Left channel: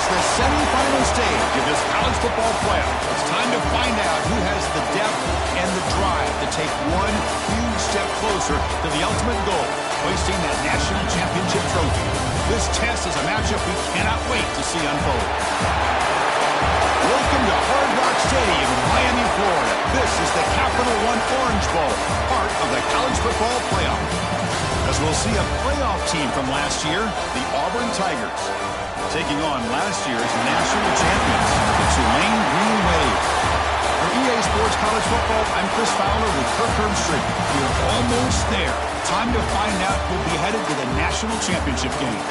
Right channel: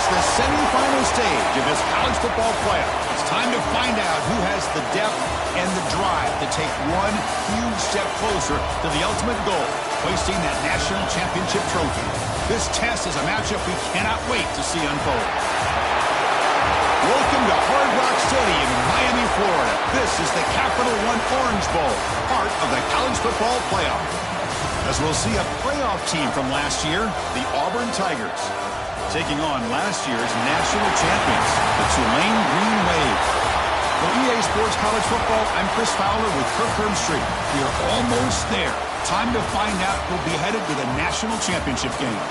It's the semifinal stage of this college football playoff. It's time to find out who has the depth and the drive to take one huge step closer to the ultimate goal, hoisting that national championship trophy. This test is a matchup we cannot wait to see unfold. Welcome to Hard Rock Stadium in Miami, Florida. This is the Capital One Orange Bowl, part of the college football playoff. As we'll see a playoff team from last year, the Auburn Tigers, taking on last year's national champions, the Tulane Green Wave. For EA Sports College Football, I'm Chris Fowler with Kirk Herbstreit. We are almost there. Time to find out who'll be headed to the national championship game.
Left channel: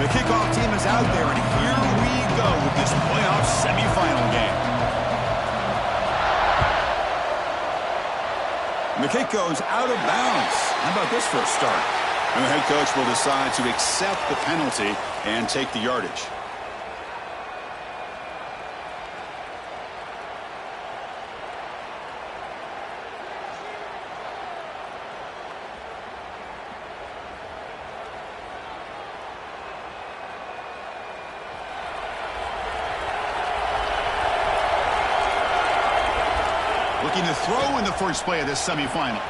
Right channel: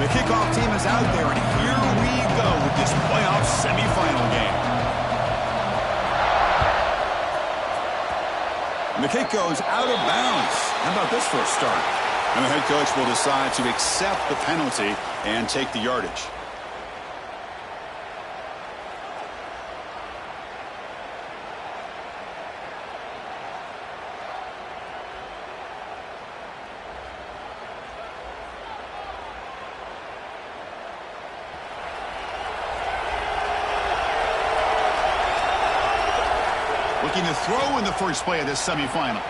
The kickoff team is out there, and here we go with this playoff semifinal game. And the kick goes out of bounds. How about this for a start? And the head coach will decide to accept the penalty and take the yardage. Looking to throw in the first play of this semifinal.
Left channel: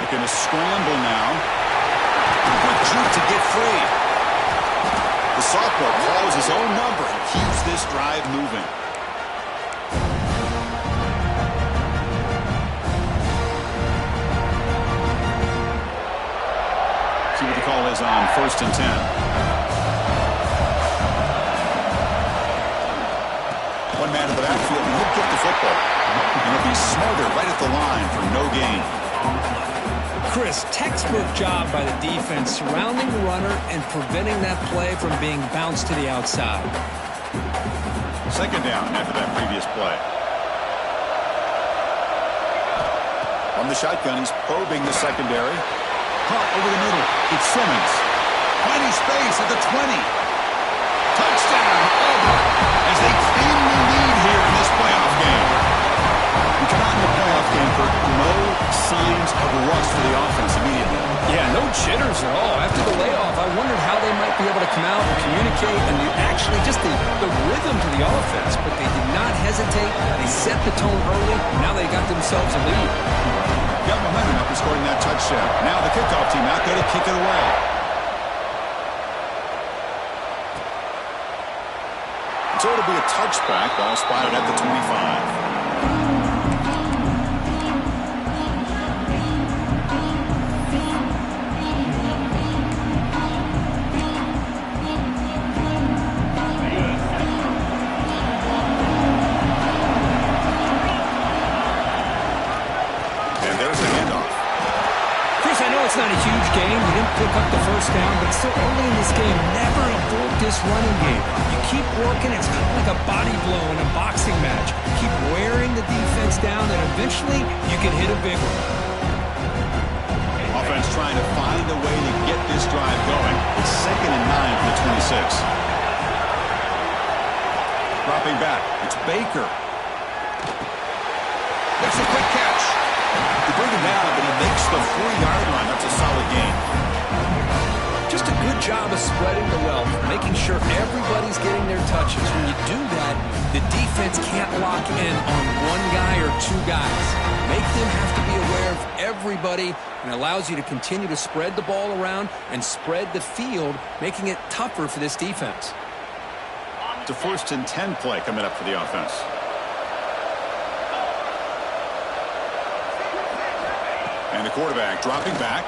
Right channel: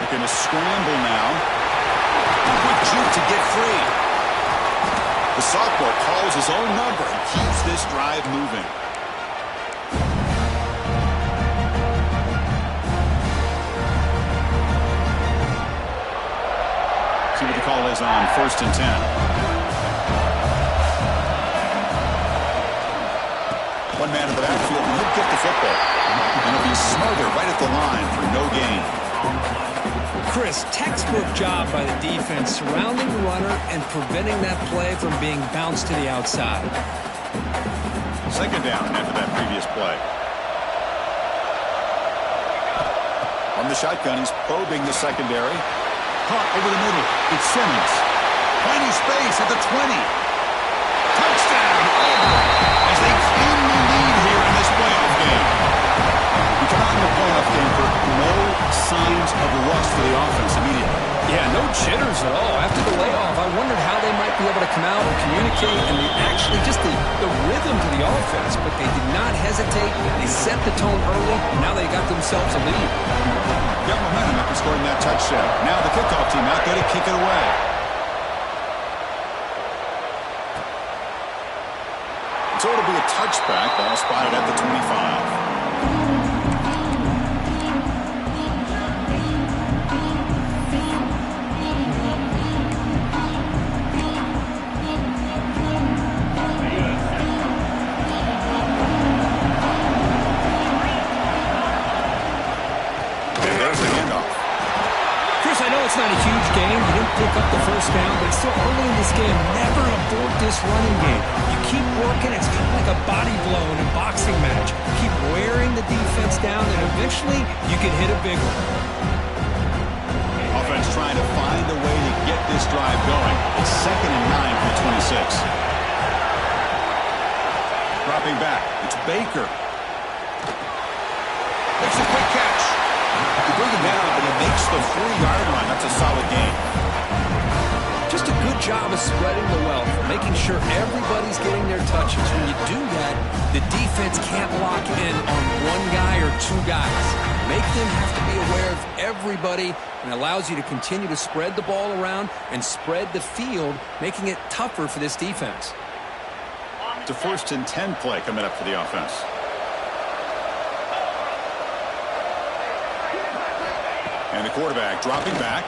Looking to scramble now. Quick juke to get free. The sophomore calls his own number and keeps this drive moving. See what the call is on 1st and 10. One man in the backfield, and he'll get the football. And he'll be smarter right at the line for no gain. Chris, textbook job by the defense surrounding the runner and preventing that play from being bounced to the outside. Second down after that previous play. On the shotgun, he's probing the secondary. Caught over the middle. It's Simmons. Finding space at the 20. Touchdown, Auburn, as they claim the lead here in this playoff game. We come out in the playoff game for no signs of rust for the offense immediately. Yeah, no jitters at all. After the layoff, I wondered how they might be able to come out and communicate and actually just the rhythm to the offense. But they did not hesitate. They set the tone early. Now they got themselves a lead. Got momentum after scoring that touchdown. Now the kickoff team out there to kick it away. So it'll be a touchback. Ball spotted at the 25. I know it's not a huge game. You didn't pick up the first down, but it's still early in this game. Never abort this running game. You keep working. It's kind of like a body blow in a boxing match. Keep wearing the defense down, and eventually you can hit a big one. Offense trying to find a way to get this drive going. It's 2nd and 9 from the 26. Dropping back. It's Baker. Makes a quick catch. They bring him down, but he makes the 40-yard line. That's a solid gain. Just a good job of spreading the wealth, making sure everybody's getting their touches. When you do that, the defense can't lock in on one guy or two guys. Make them have to be aware of everybody, and allows you to continue to spread the ball around and spread the field, making it tougher for this defense. It's a 1st and 10 play coming up for the offense. And the quarterback dropping back.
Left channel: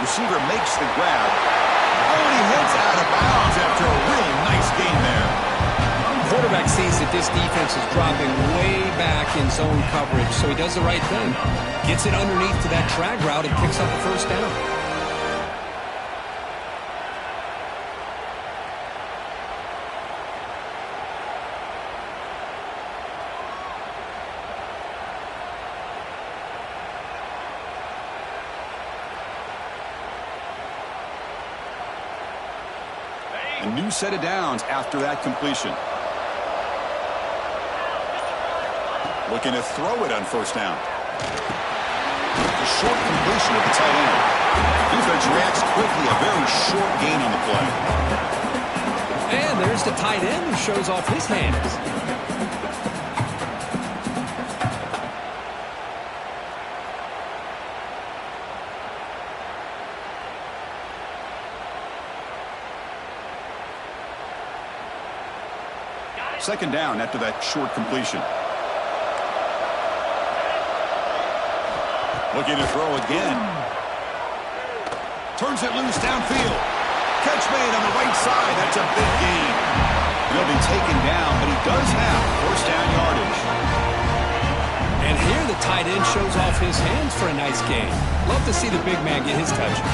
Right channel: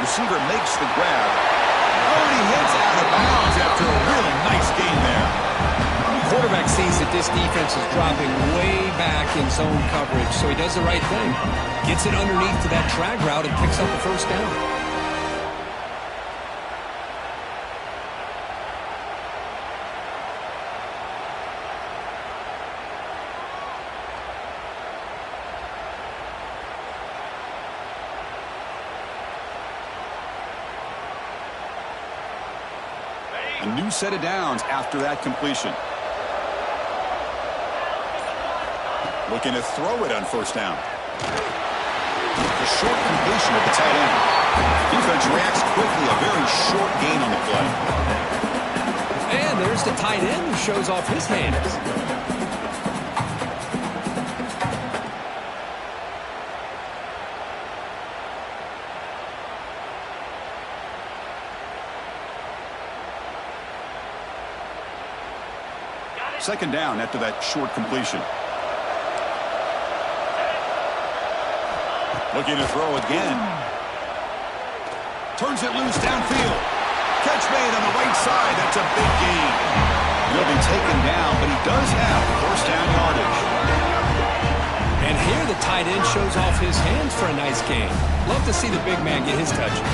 Receiver makes the grab. Oh, and he hits out of bounds after a really nice gain there. Quarterback sees that this defense is dropping way back in zone coverage, so he does the right thing. Gets it underneath to that drag route and picks up a first down. A new set of downs after that completion. Looking to throw it on first down. The short completion of the tight end. Defense reacts quickly. A very short gain on the play. And there's the tight end who shows off his hands. Second down after that short completion. Looking to throw again. Turns it loose downfield. Catch made on the right side. That's a big gain. He'll be taken down, but he does have first down yardage. And here the tight end shows off his hands for a nice gain. Love to see the big man get his touches.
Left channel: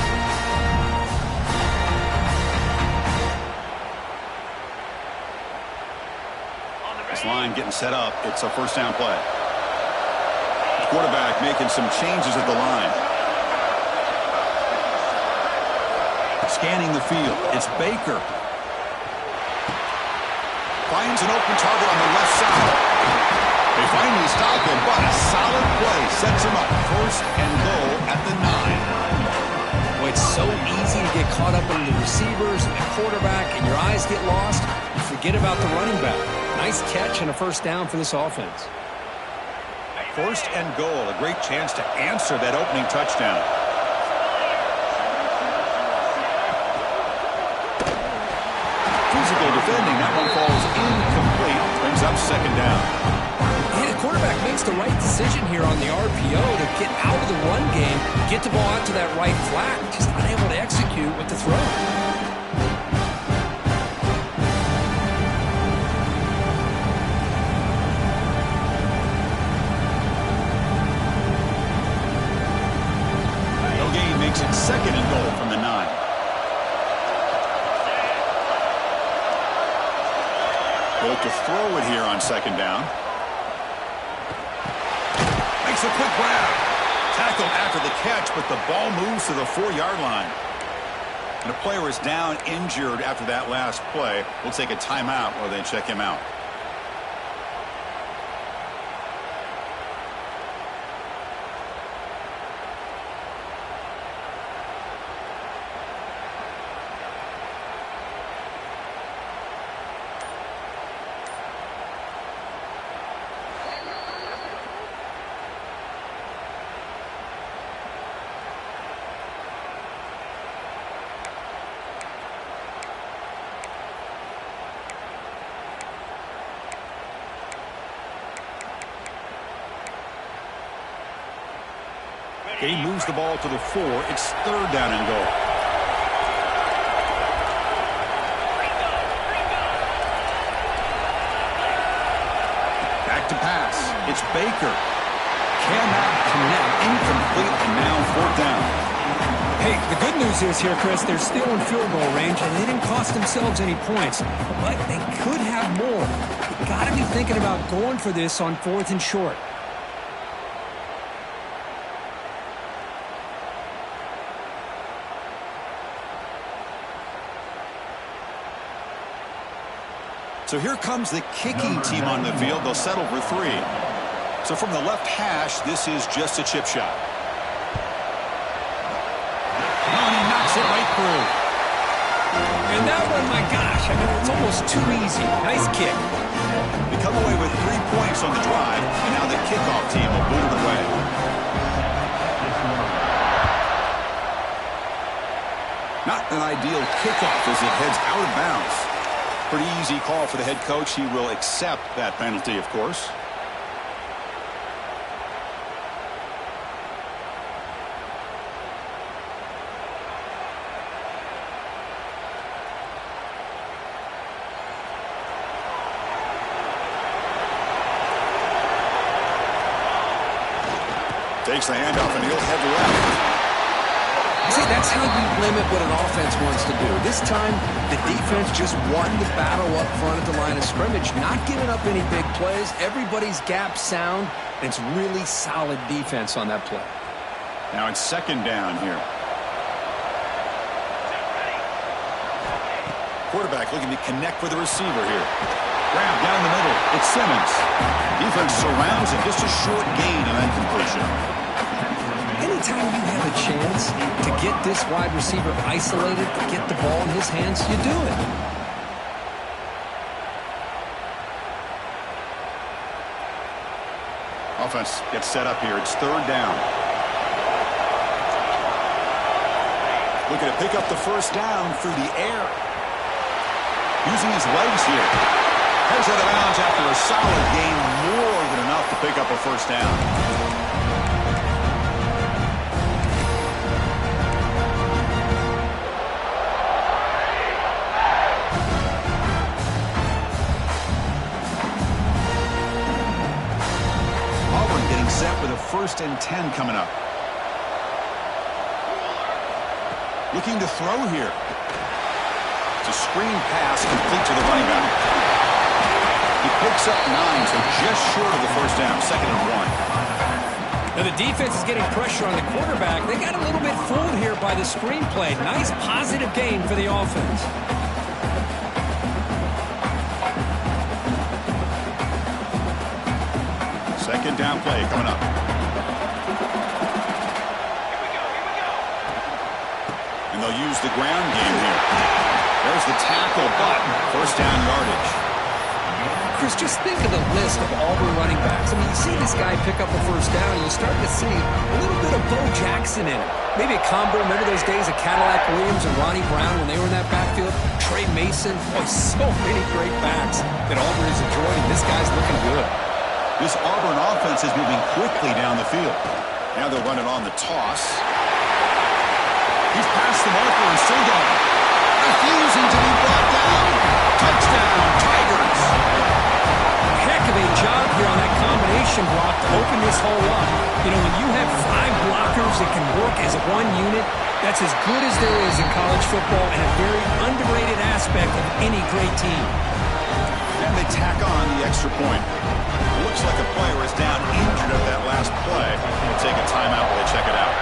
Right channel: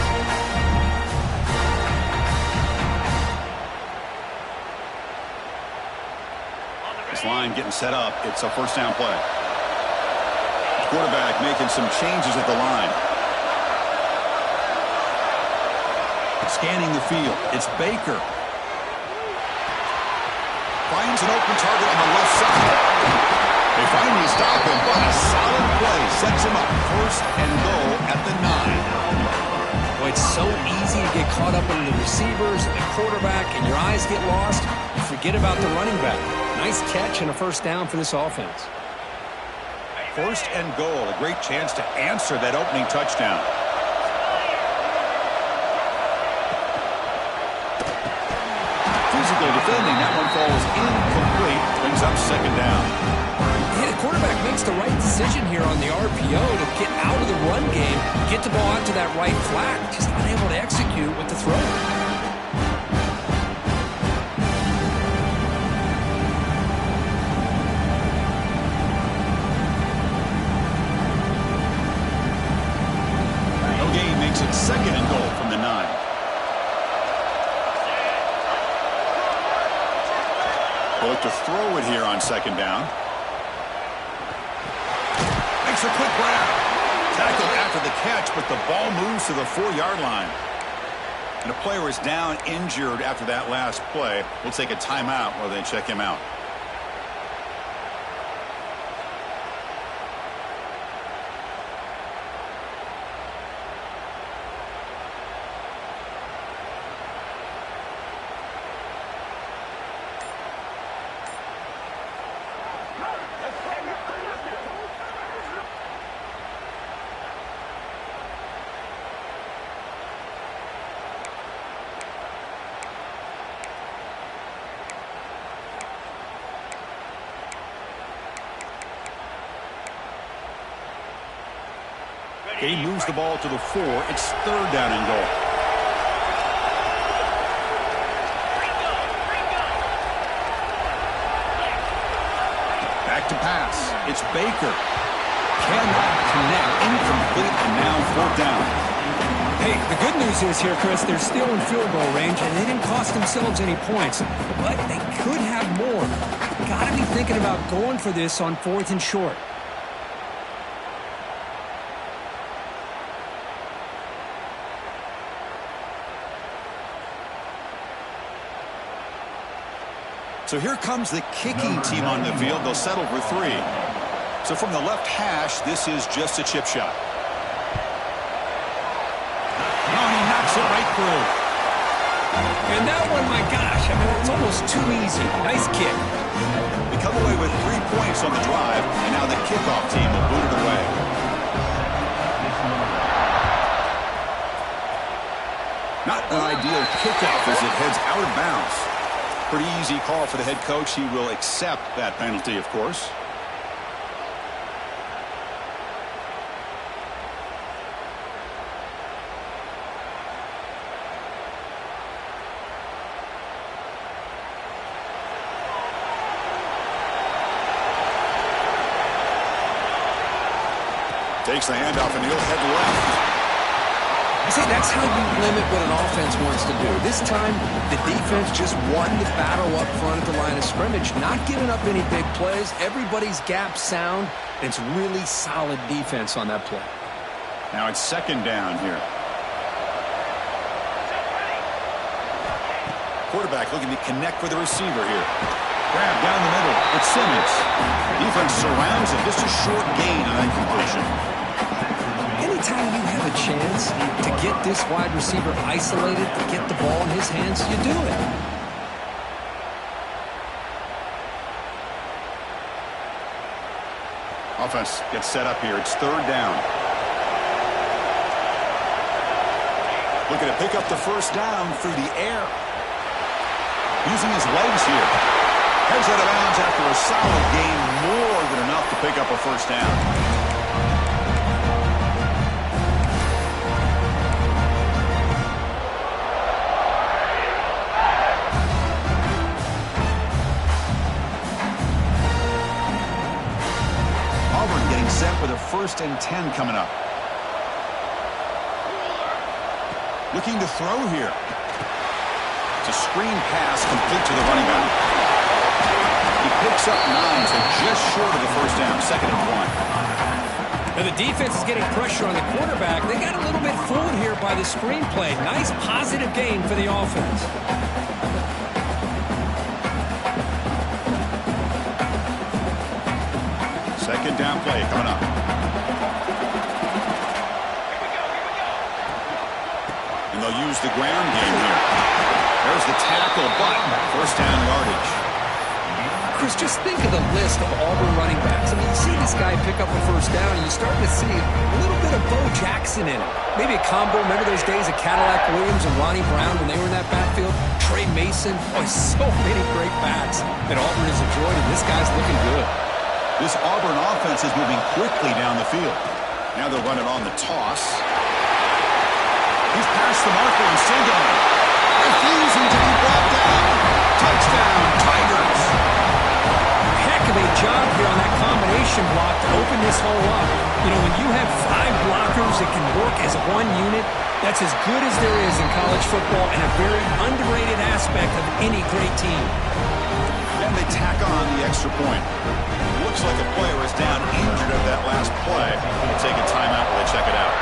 This line getting set up. It's a first down play. The quarterback making some changes at the line. Scanning the field. It's Baker. Finds an open target on the left side. They finally stop him, but a solid play sets him up. First and goal at the 9. Boy, it's so easy to get caught up in the receivers and the quarterback, and your eyes get lost. You forget about the running back. Nice catch and a first down for this offense. First and goal, a great chance to answer that opening touchdown. Physical defending, that one falls incomplete, brings up second down. Yeah, the quarterback makes the right decision here on the RPO to get out of the run game, get the ball out to that right flat, just unable to execute with the throw. Makes it second and goal from the 9. They'll look to throw it here on second down. Makes a quick grab. Tackled after the catch, but the ball moves to the 4-yard line. And a player is down injured after that last play. We'll take a timeout while they check him out. He moves the ball to the 4. It's third down and goal. Back to pass. It's Baker. Cannot connect. Incomplete, and now fourth down. Hey, the good news is here, Chris, they're still in field goal range, and they didn't cost themselves any points. But they could have more. Got to be thinking about going for this on 4th and short. So here comes the kicking team on the field. They'll settle for 3. So from the left hash, this is just a chip shot. Oh, and he knocks it right through. And that one, my gosh, I mean, it's almost too easy. Nice kick. They come away with 3 points on the drive, and now the kickoff team will boot it away. Not an ideal kickoff as it heads out of bounds. Pretty easy call for the head coach. He will accept that penalty, of course. Takes the handoff and he'll head left. See, that's how you limit what an offense wants to do. This time, the defense just won the battle up front at the line of scrimmage, not giving up any big plays. Everybody's gap sound, and it's really solid defense on that play. Now it's second down here. quarterback looking to connect with the receiver here. Grab down the middle. It's Simmons. Defense surrounds him. Just a short gain on that completion. Anytime you have a chance to get this wide receiver isolated, to get the ball in his hands, you do it. Offense gets set up here. It's third down. Looking to pick up the first down through the air. Using his legs here. Heads out of bounds after a solid gain, more than enough to pick up a first down. Auburn getting set with a 1st and 10 coming up. Looking to throw here. It's a screen pass complete to the running back. He picks up 9, so just short of the first down, 2nd and 1. Now the defense is getting pressure on the quarterback. They got a little bit fooled here by the screenplay. Nice positive gain for the offense. Second down play coming up. And they'll use the ground game here. There's the tackle, but first down yardage. Chris, just think of the list of Auburn running backs. I mean, you see this guy pick up a first down, and you're starting to see a little bit of Bo Jackson in it. Maybe a combo. Remember those days of Cadillac Williams and Ronnie Brown when they were in that backfield? Trey Mason. Boy, so many great backs that Auburn has enjoyed, and this guy's looking good. This Auburn offense is moving quickly down the field. Now they'll run it on the toss. He's past the marker and still going. Refusing to be brought down. Touchdown, Tigers. Heck of a job here on that combination block to open this hole up. You know, when you have 5 blockers that can work as one unit, that's as good as there is in college football and a very underrated aspect of any great team. And they tack on the extra point. Looks like a player is down injured at that last play. We'll take a timeout while they check it out.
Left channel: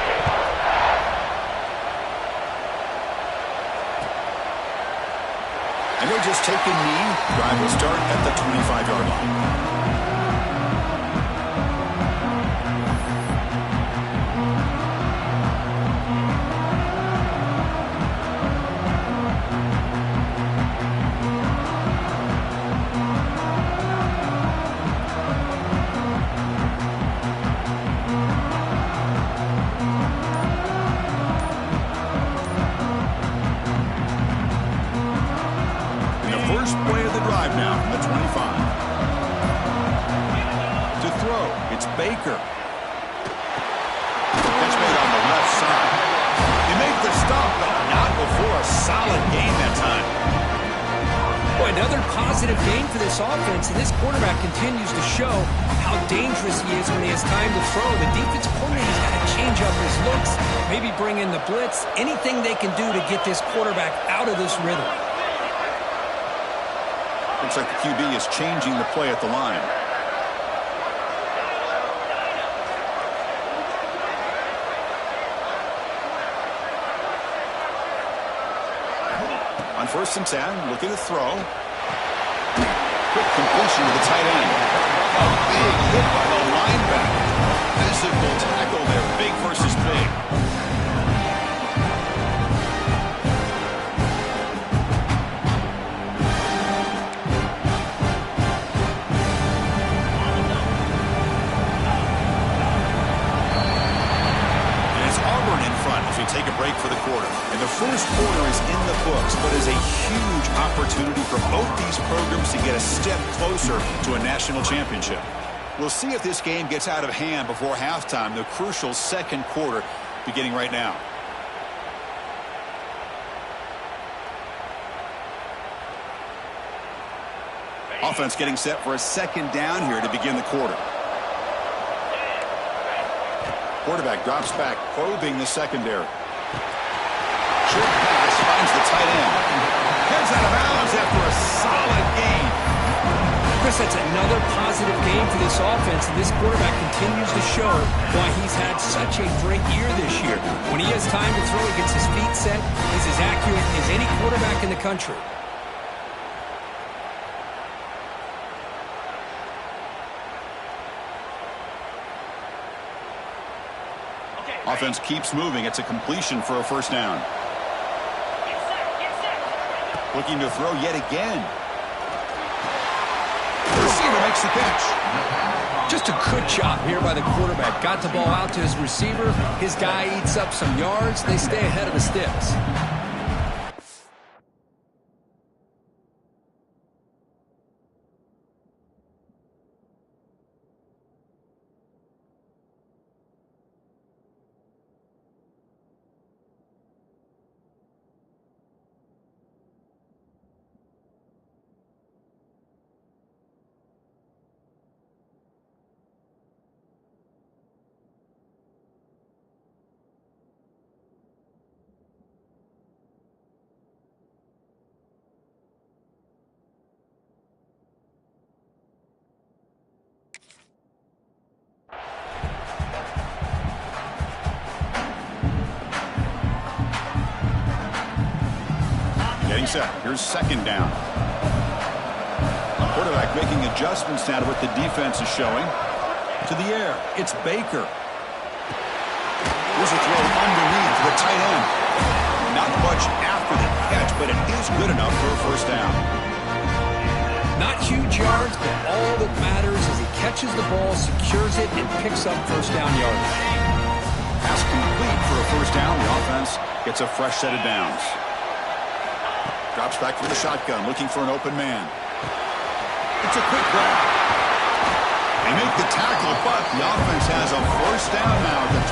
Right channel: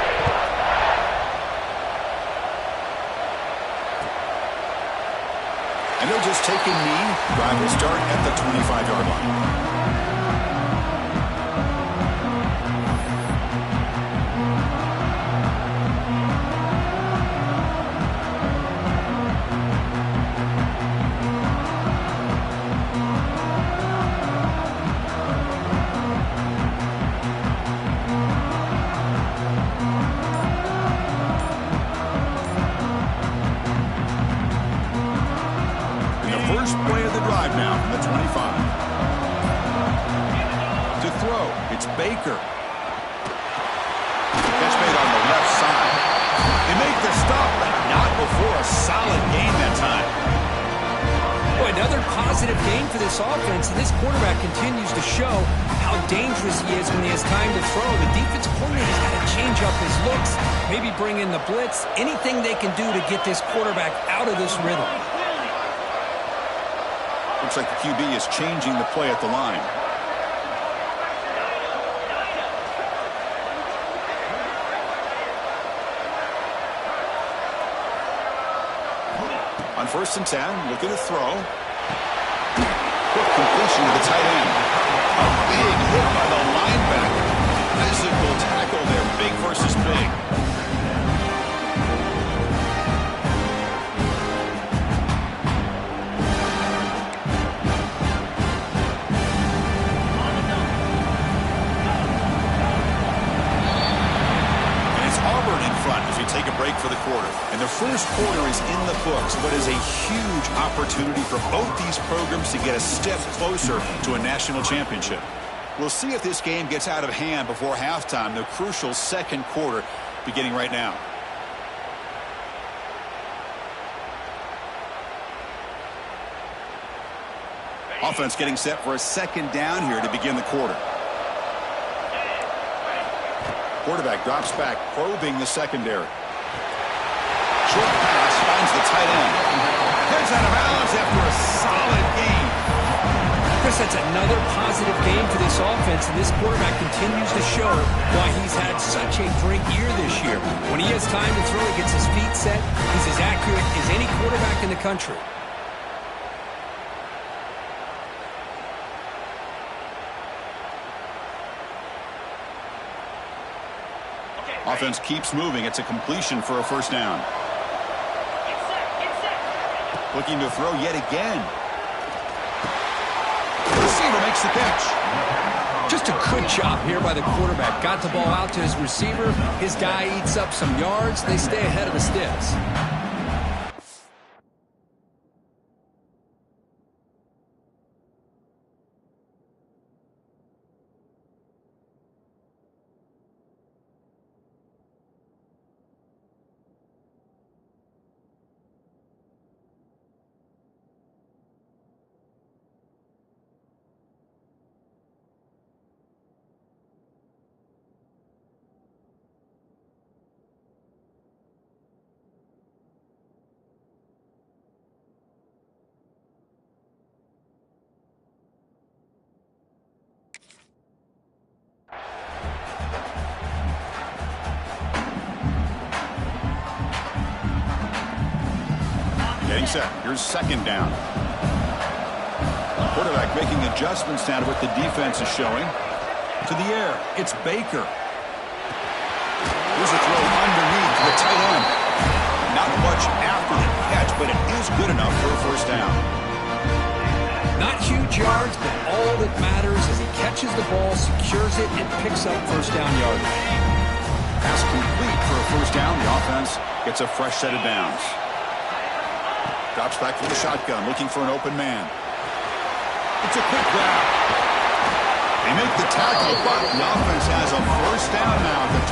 And they'll just take a knee. Drive will start at the 25-yard line. First play of the drive now from the 25. To throw, it's Baker. Catch made on the left side. They make the stop, but not before a solid gain that time. Boy, another positive gain for this offense, and this quarterback continues to show how dangerous he is when he has time to throw. The defensive coordinator's got to change up his looks, maybe bring in the blitz, anything they can do to get this quarterback out of this rhythm. Looks like the QB is changing the play at the line. On 1st and 10, looking to throw. Quick completion to the tight end. A big hit by the linebacker. Physical tackle there, big versus big. Auburn in front as we take a break for the quarter. And the first quarter is in the books, but is a huge opportunity for both these programs to get a step closer to a national championship. We'll see if this game gets out of hand before halftime, the crucial second quarter beginning right now. Offense getting set for a second down here to begin the quarter. Quarterback drops back, probing the secondary. Short pass finds the tight end. Heads out of bounds after a solid gain. Chris, that's another positive gain for this offense, and this quarterback continues to show why he's had such a great year this year. When he has time to throw, he gets his feet set. He's as accurate as any quarterback in the country. Offense keeps moving. It's a completion for a first down. Looking to throw yet again. Receiver makes the catch. Just a good job here by the quarterback. Got the ball out to his receiver. His guy eats up some yards. They stay ahead of the sticks. Getting set. Here's second down. Quarterback making adjustments now to what the defense is showing. To the air. It's Baker. Here's a throw underneath to the tight end. Not much after the catch, but it is good enough for a first down. Not huge yards, but all that matters is he catches the ball, secures it, and picks up first down yardage. Pass complete for a first down. The offense gets a fresh set of downs. Drops back from the shotgun, looking for an open man. It's a quick grab. They make the tackle, but the offense has a first down now at the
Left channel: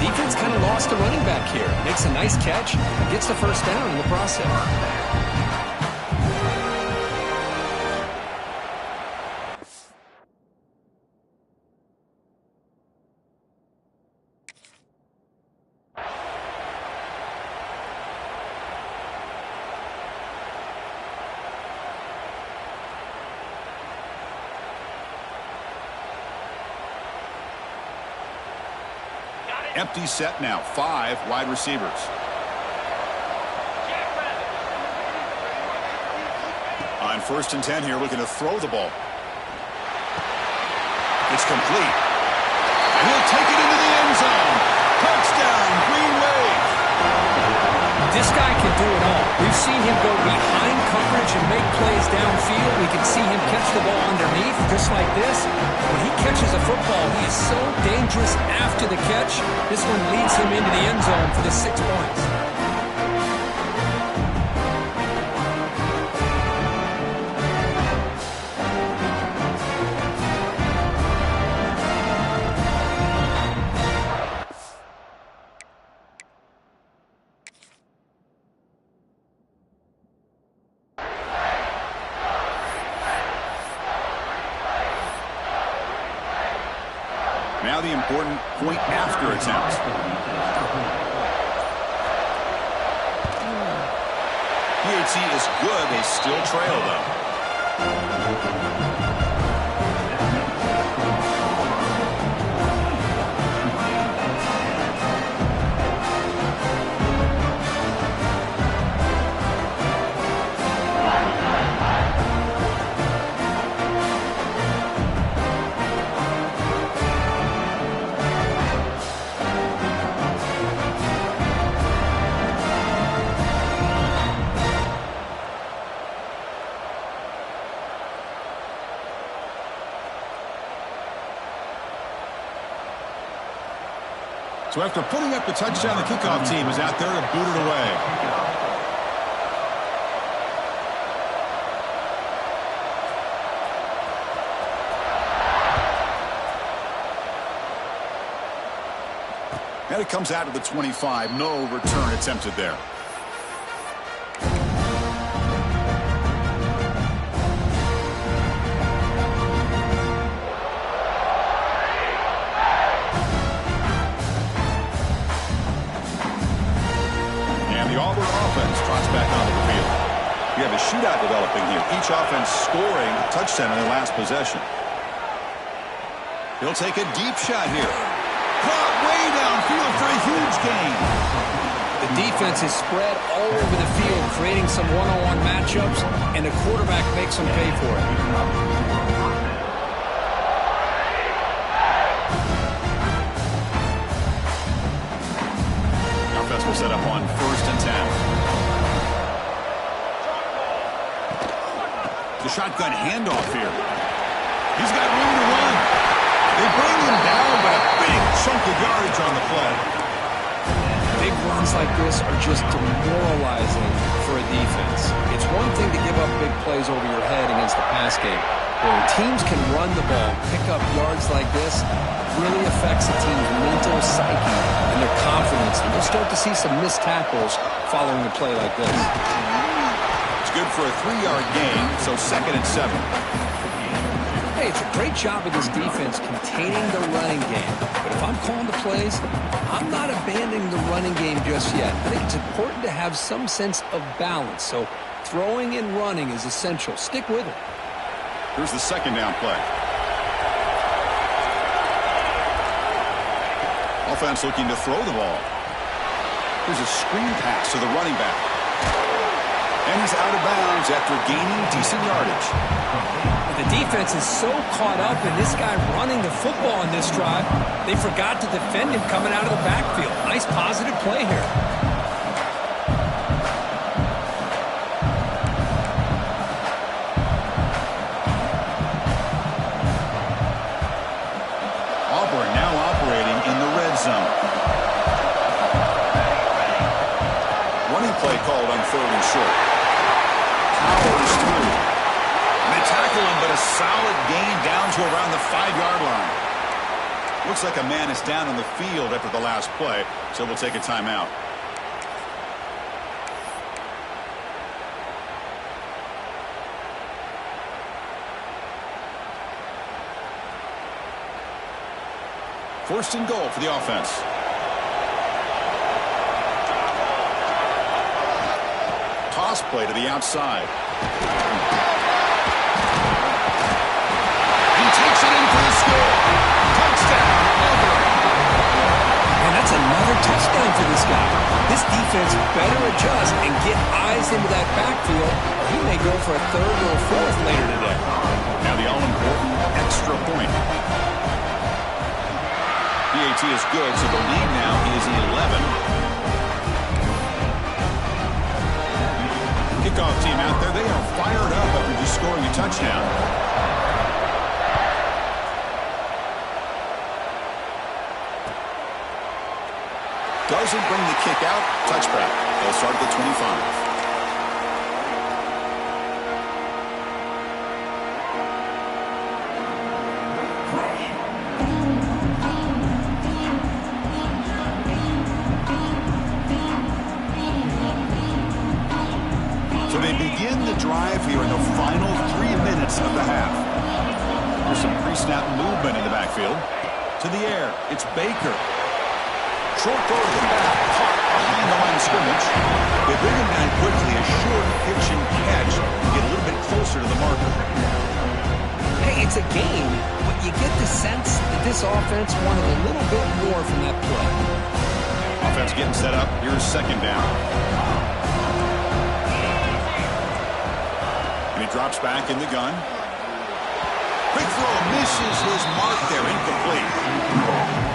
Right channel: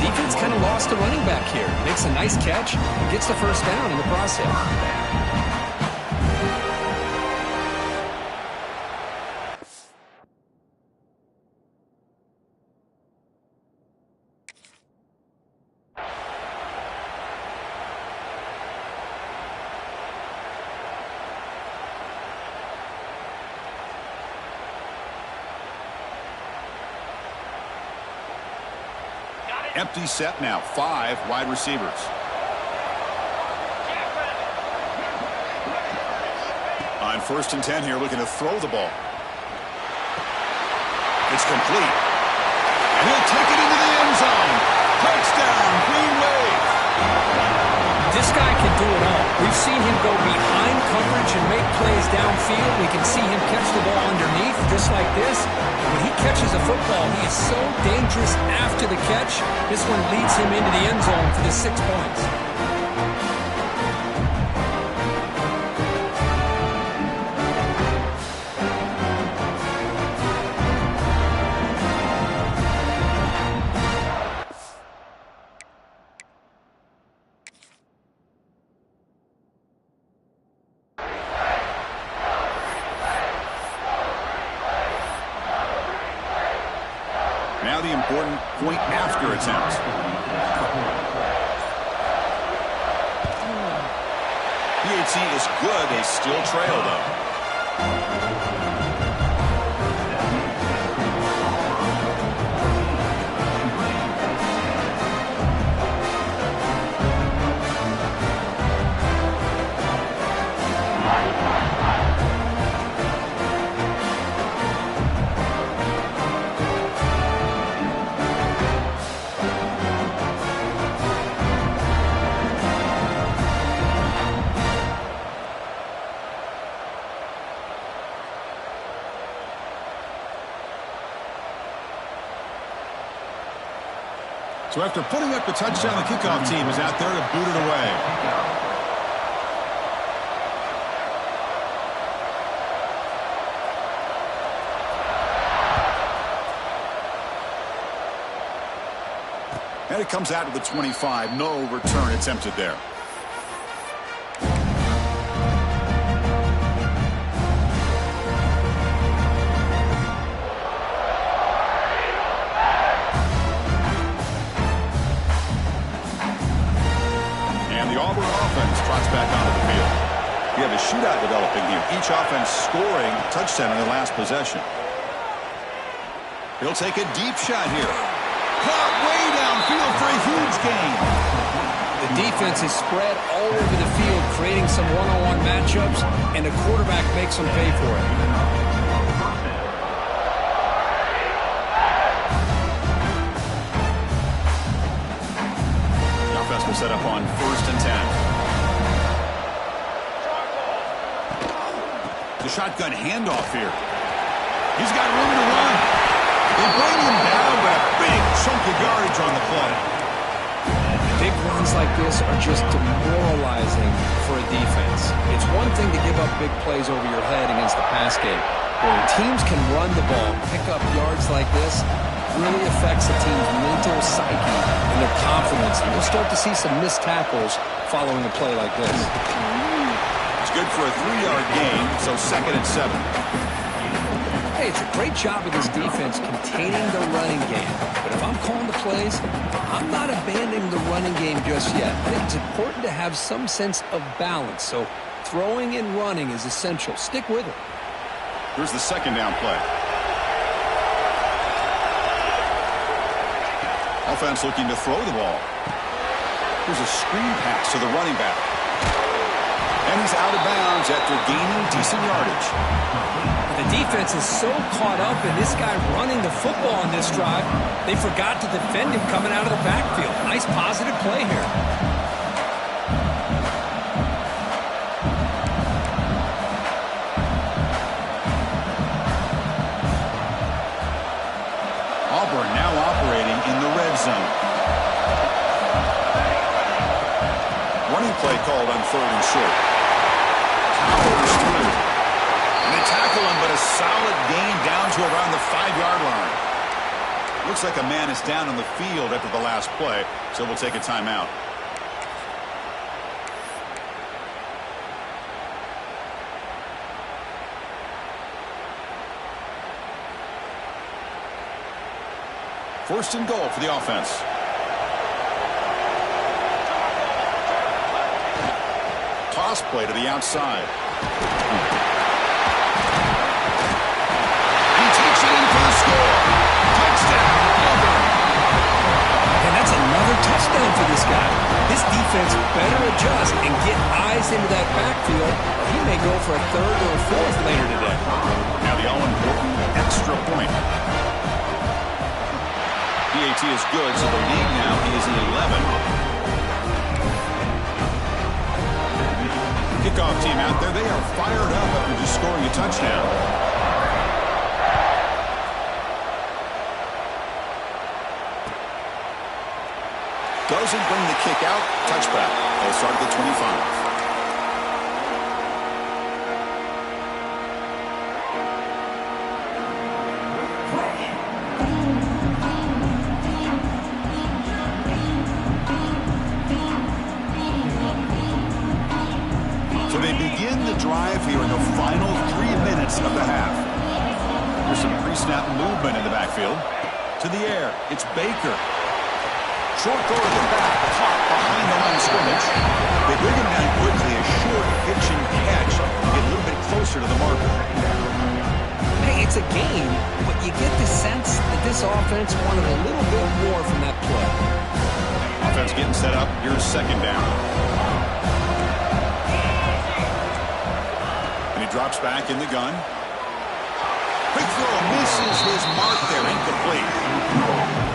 21. Defense kind of lost the running back here. Makes a nice catch and gets the first down in the process. Empty set now. 5 wide receivers. On 1st and 10 here, looking to throw the ball. It's complete. And he'll take it into the end zone. Touchdown, Green Wave. This guy can do it all. We've seen him go behind coverage and make plays downfield. We can see him catch the ball underneath, just like this. When he catches a football, he is so dangerous after the catch. This one leads him into the end zone for the 6 points. Now the important point after attempt. PAT is good. They still trail, though. So after putting up the touchdown, the kickoff team is out there to boot it away. And it comes out of the 25. No return attempted there. The Auburn offense trots back onto the field. You have a shootout developing here. Each offense scoring a touchdown in their last possession. He'll take a deep shot here. Caught way downfield for a huge gain. The defense is spread all over the field, creating some one-on-one matchups, and the quarterback makes them pay for it. offense will set up on 1st and 10. The shotgun handoff here. He's got room to run. They bring him down, but a big chunk of yardage on the play. Big runs like this are just demoralizing for a defense. It's one thing to give up big plays over your head against the pass game. But when teams can run the ball, pick up yards like this, really affects the team's mental psyche and their confidence. And you'll start to see some missed tackles following a play like this. It's good for a 3-yard gain, so 2nd and 7. Hey, it's a great job of this defense containing the running game. But if I'm calling the plays, I'm not abandoning the running game just yet. I think it's important to have some sense of balance. So throwing and running is essential. Stick with it. Here's the 2nd down play. Offense looking to throw the ball. Here's a screen pass to the running back. And he's out of bounds after gaining decent yardage. The defense is so caught up in this guy running the football on this drive, they forgot to defend him coming out of the backfield. Nice positive play here. Auburn now operating in the red zone. Running play called on 3rd and short. Powers through. And they tackle him, but a solid gain down to around the 5-yard line. Looks like a man is down on the field after the last play, so we'll take a timeout. First and goal for the offense. Toss play to the outside. He takes it in for the score. Touchdown, Auburn. And that's another touchdown for this guy. This defense better adjust and get eyes into that backfield, or he may go for a 3rd or a 4th later today. Now the all-important extra point. PAT is good, so the lead now is 11. Kickoff team out there, they are fired up after just scoring a touchdown. Doesn't bring the kick out. Touchback. They'll start at the 25. So they begin the drive here in the final 3 minutes of the half. There's some pre-snap movement in the backfield. To the air, it's Baker. Short throw to the back, caught behind the line of scrimmage. They bring him down quickly, a short pitch and catch to get a little bit closer to the marker. Hey, it's a game, but you get the sense that this offense wanted a little bit more from that play. Offense getting set up. Here's 2nd down. And he drops back in the gun. Quick throw, misses his mark there, incomplete.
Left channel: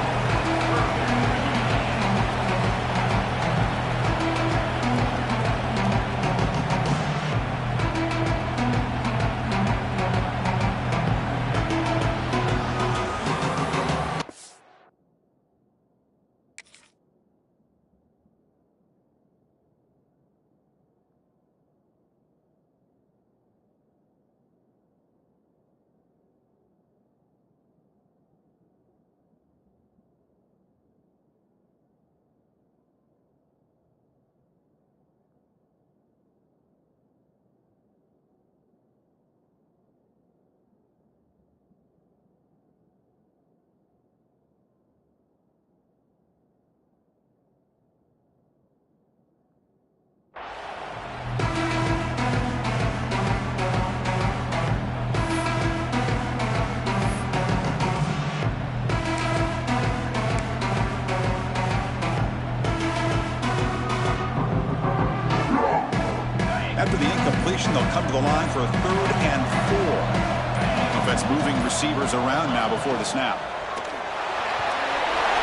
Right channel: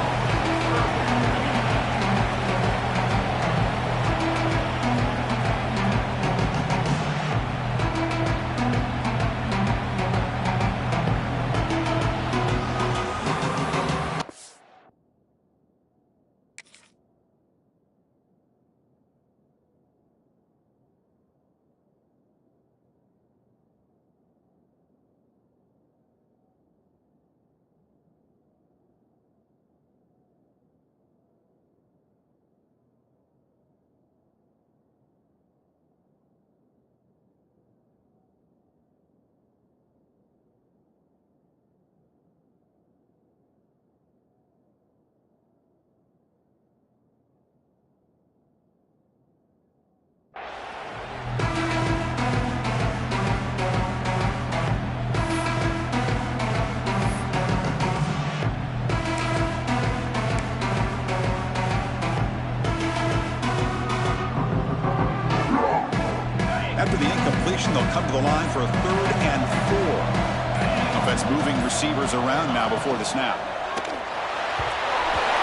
After the incompletion, they'll come to the line for a 3rd and 4. Offense moving receivers around now before the snap.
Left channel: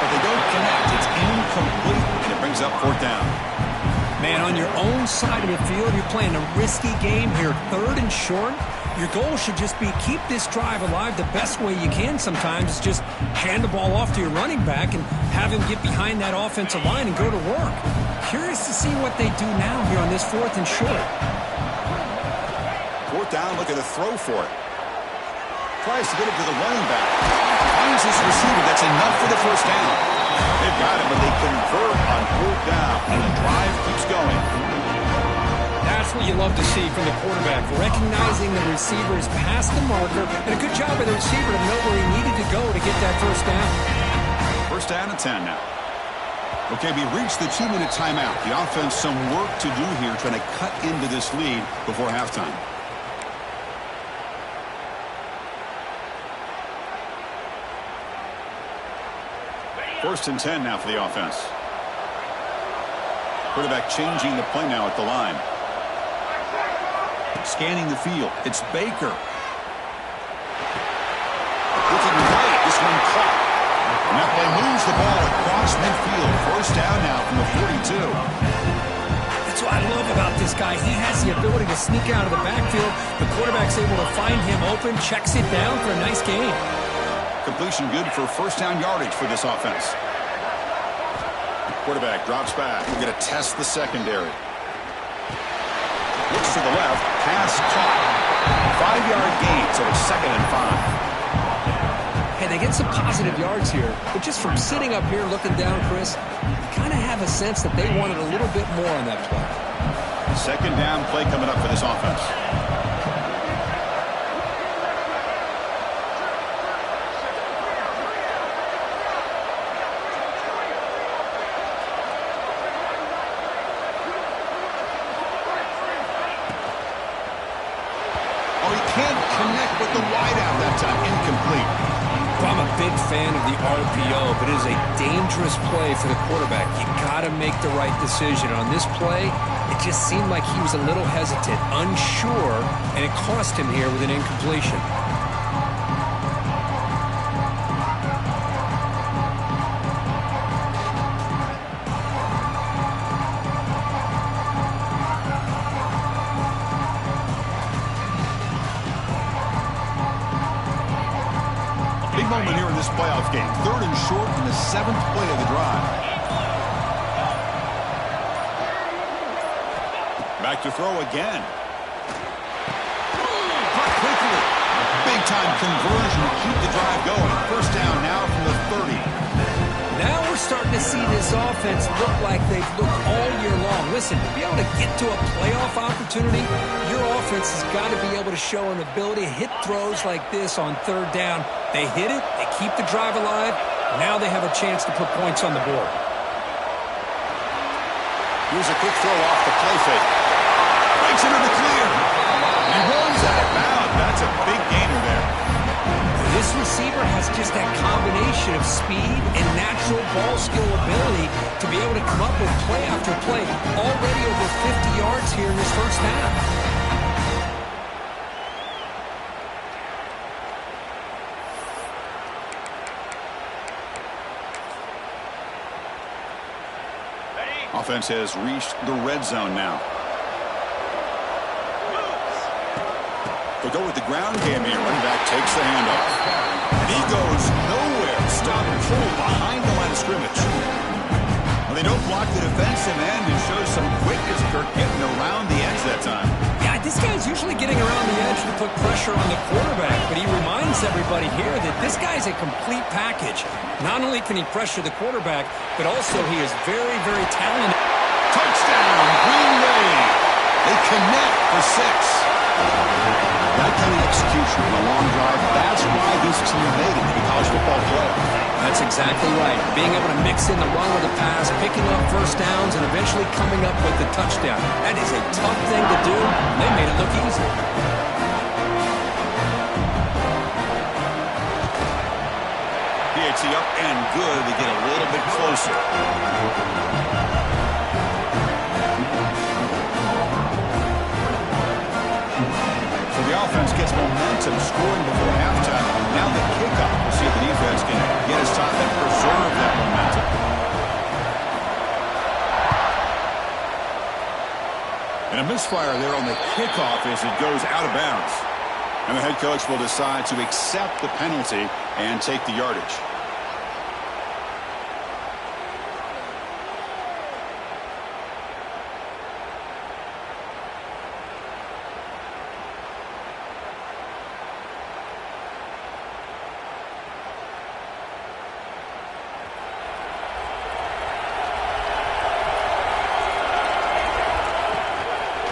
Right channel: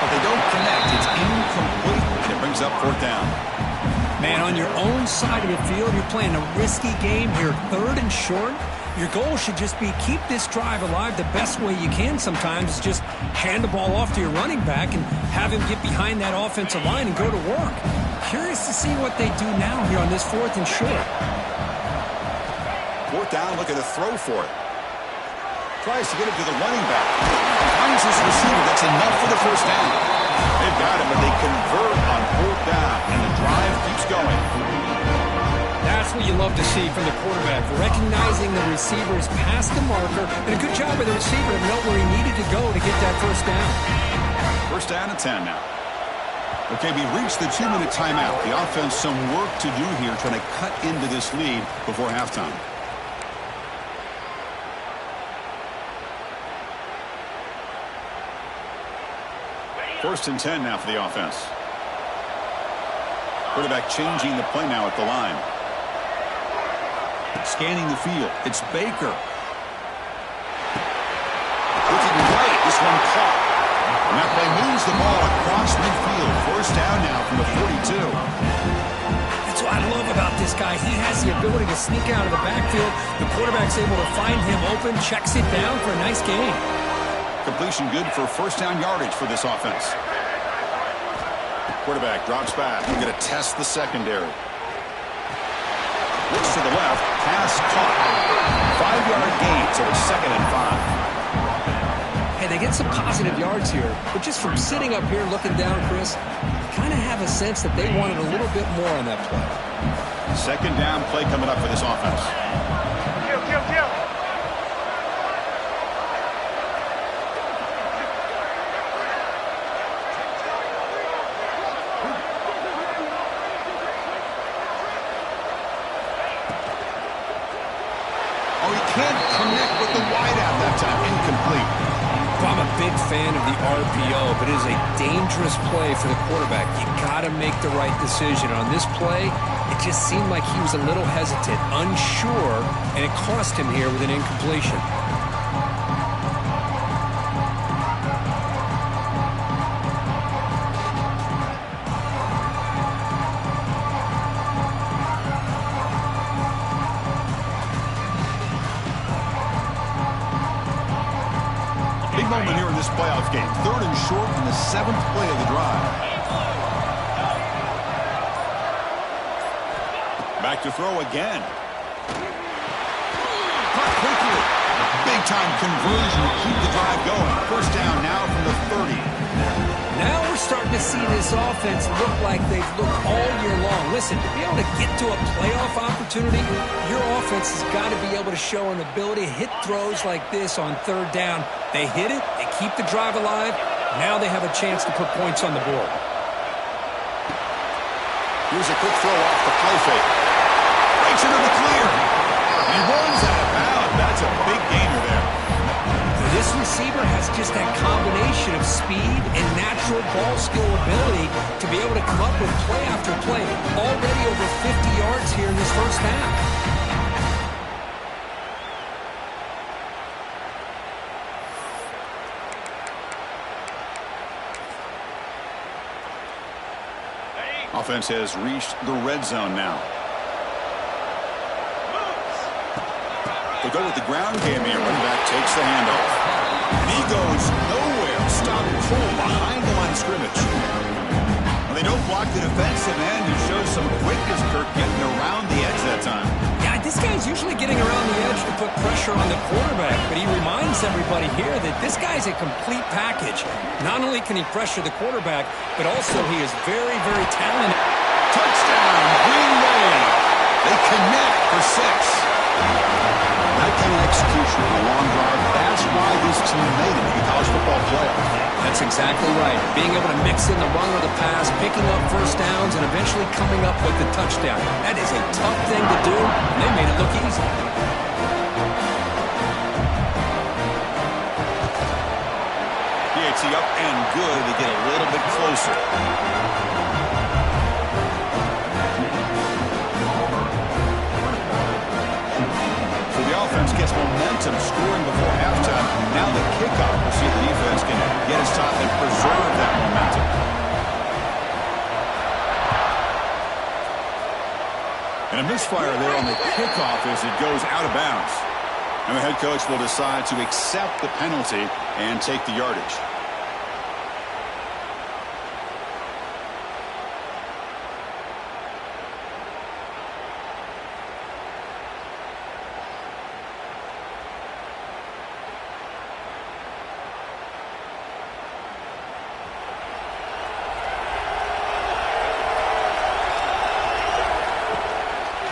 but they don't connect. It's incomplete, and it brings up fourth down. Man, on your own side of the field, you're playing a risky game here, 3rd and short. Your goal should just be keep this drive alive the best way you can sometimes. Is just hand the ball off to your running back and have him get behind that offensive line and go to work. Curious to see what they do now here on this 4th and short. Fourth down, looking to throw for it. Tries to get it to the running back. Finds his receiver. That's enough for the first down. They've got him, but they convert on fourth down, and the drive keeps going. That's what you love to see from the quarterback, recognizing the receiver is past the marker, and a good job by the receiver to know where he needed to go to get that first down. First down and 10 now. Okay, we reached the 2-minute timeout. The offense some work to do here, trying to cut into this lead before halftime. First and 10 now for the offense. Quarterback changing the play now at the line. Scanning the field. It's Baker. Looking right. This one caught. And that play moves the ball across midfield. First down now from the 42. That's what I love about this guy. He has the ability to sneak out of the backfield. The quarterback's able to find him open, checks it down for a nice gain. Completion good for first down yardage for this offense. Quarterback drops back. We're going to test the secondary. Looks to the left. Pass caught. 5-yard gain, so it's 2nd and 5. Hey, they get some positive yards here, but just from sitting up here looking down, Chris, you kind of have a sense that they wanted a little bit more on that play. Second down play coming up for this offense. Oh, he can't connect with the wideout that time. Incomplete. I'm a big fan of the RPO, but it is a dangerous play for the quarterback. You got to make the right decision. On this play, it just seemed like he was a little hesitant, unsure, and it cost him here with an incompletion. Moment here in this playoff game. 3rd and short in the 7th play of the drive. Back to throw again. Caught quickly. Big time conversion to keep the drive going. First down now from the 30. Now we're starting to see this offense look like they've looked all year long. Listen, to be able to get to a playoff opportunity, your offense has got to be able to show an ability to hit throws like this on 3rd down. They hit it, they keep the drive alive. Now they have a chance to put points on the board. Here's a quick throw off the play fake. Breaks into the clear. He runs out of bounds. That's a big gainer there. This receiver has just that combination of speed and natural ball skill ability to be able to come up with play after play. Already over 50 yards here in this first half. Offense has reached the red zone now. They'll go with the ground game here. Running back takes the handoff. And he goes nowhere. Stop cold behind the line of scrimmage. Well, they don't block the defensive end and show some quickness, Kirk, getting around the edge that time. Yeah, this guy's usually getting around the edge to put pressure on the quarterback, but he reminds everybody here that this guy's a complete package. Not only can he pressure the quarterback, but also he is very, very talented. Touchdown, Green Bay. They connect for 6. That kind of execution on a long drive, that's why this team made it to the college football playoff. That's exactly right. Being able to mix in the run with the pass, picking up first downs, and eventually coming up with the touchdown. That is a tough thing to do, and they made it look easy. PAT up and good. They get a little bit closer. The offense gets momentum scoring before halftime. Now the kickoff. We'll see if the defense can get his top and preserve that momentum. And a misfire there on the kickoff as it goes out of bounds. And the head coach will decide to accept the penalty and take the yardage.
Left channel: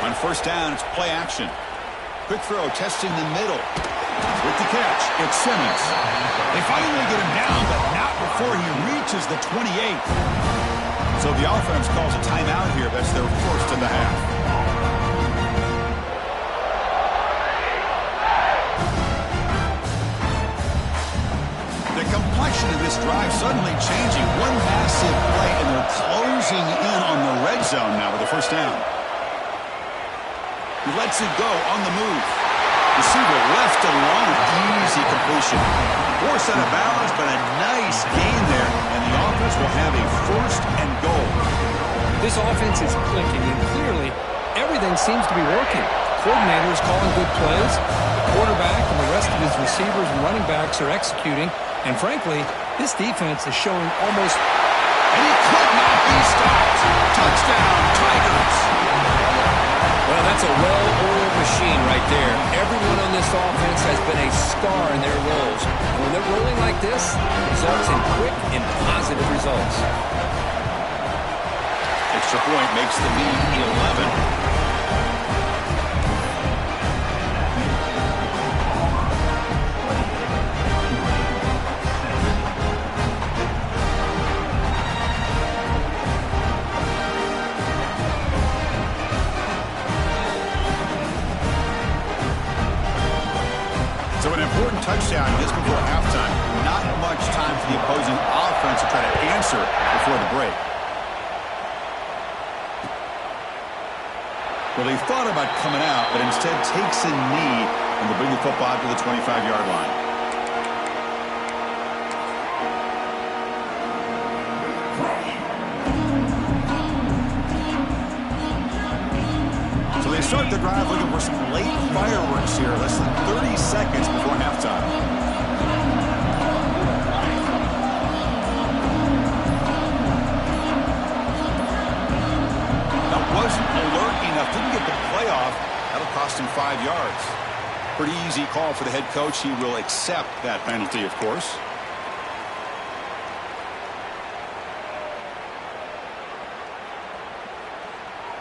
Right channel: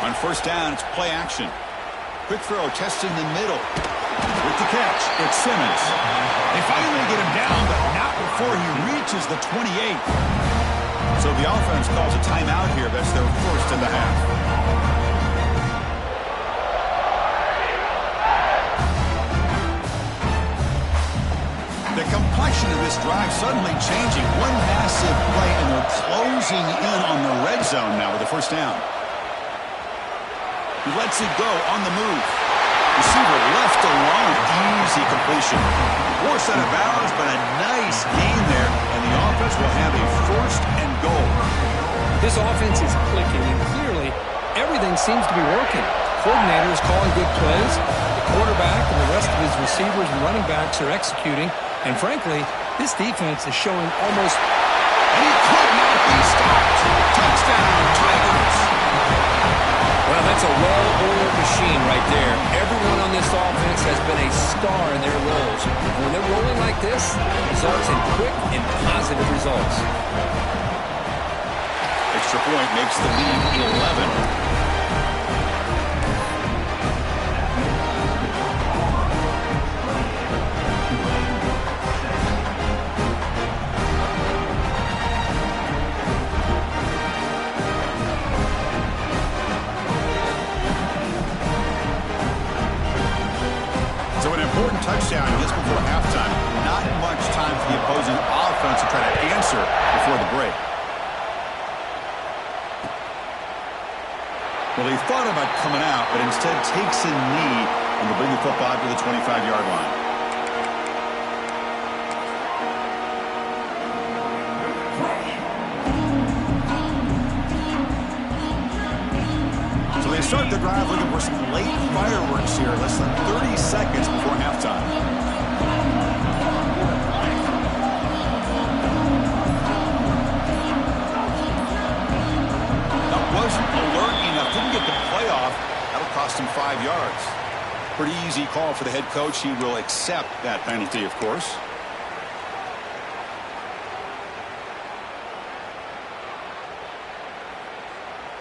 On first down, it's play action. Quick throw, testing the middle. With the catch, it's Simmons. They finally get him down, but not before he reaches the 28. So the offense calls a timeout here. That's their first in the half. The complexion of this drive suddenly changing. One massive play, and they're closing in on the red zone now with the first down. He lets it go on the move. Receiver left alone. Easy completion. Forced out of bounds, but a nice gain there. And the offense will have a first and goal. This offense is clicking, and clearly everything seems to be working. The coordinator is calling good plays. The quarterback and the rest of his receivers and running backs are executing. And frankly, this defense is showing almost... And he could not be stopped. Touchdown, Tigers. Well, that's a well-oiled machine right there. Everyone on this offense has been a star in their roles. And when they're rolling like this, it results in quick and positive results. Extra point makes the lead 11. So an important touchdown just before halftime. Not much time for the opposing offense to try to answer before the break. Well, they thought about coming out, but instead takes a knee and will bring the football to the 25-yard line. So they start the drive looking for some late fireworks here, less than 30 seconds before halftime. That wasn't alert enough, didn't get the playoff. That'll cost him 5 yards. Pretty easy call for the head coach. He will accept that penalty, of course.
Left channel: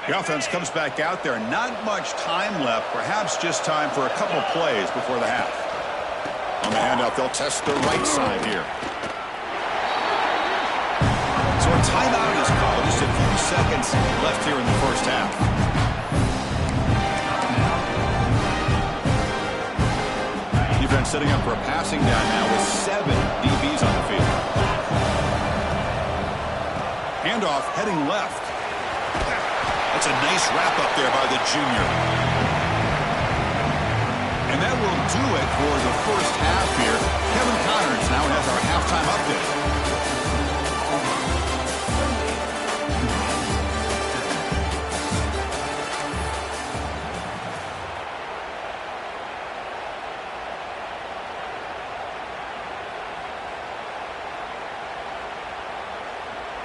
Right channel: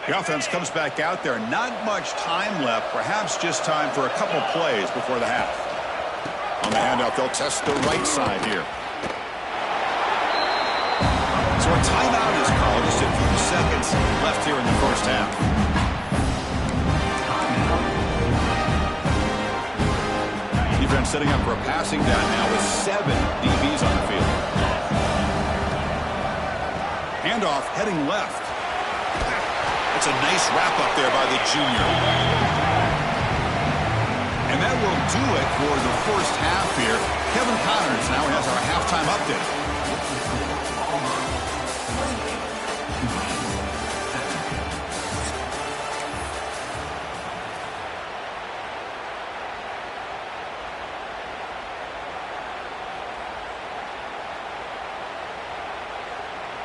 The offense comes back out there. Not much time left. Perhaps just time for a couple plays before the half. On the handoff, they'll test the right side here. So a timeout is called. Just a few seconds left here in the first half. Defense setting up for a passing down now with 7 DBs on the field. Handoff heading left. That's a nice wrap-up there by the junior. And that will do it for the first half here. Kevin Connors now has our halftime update.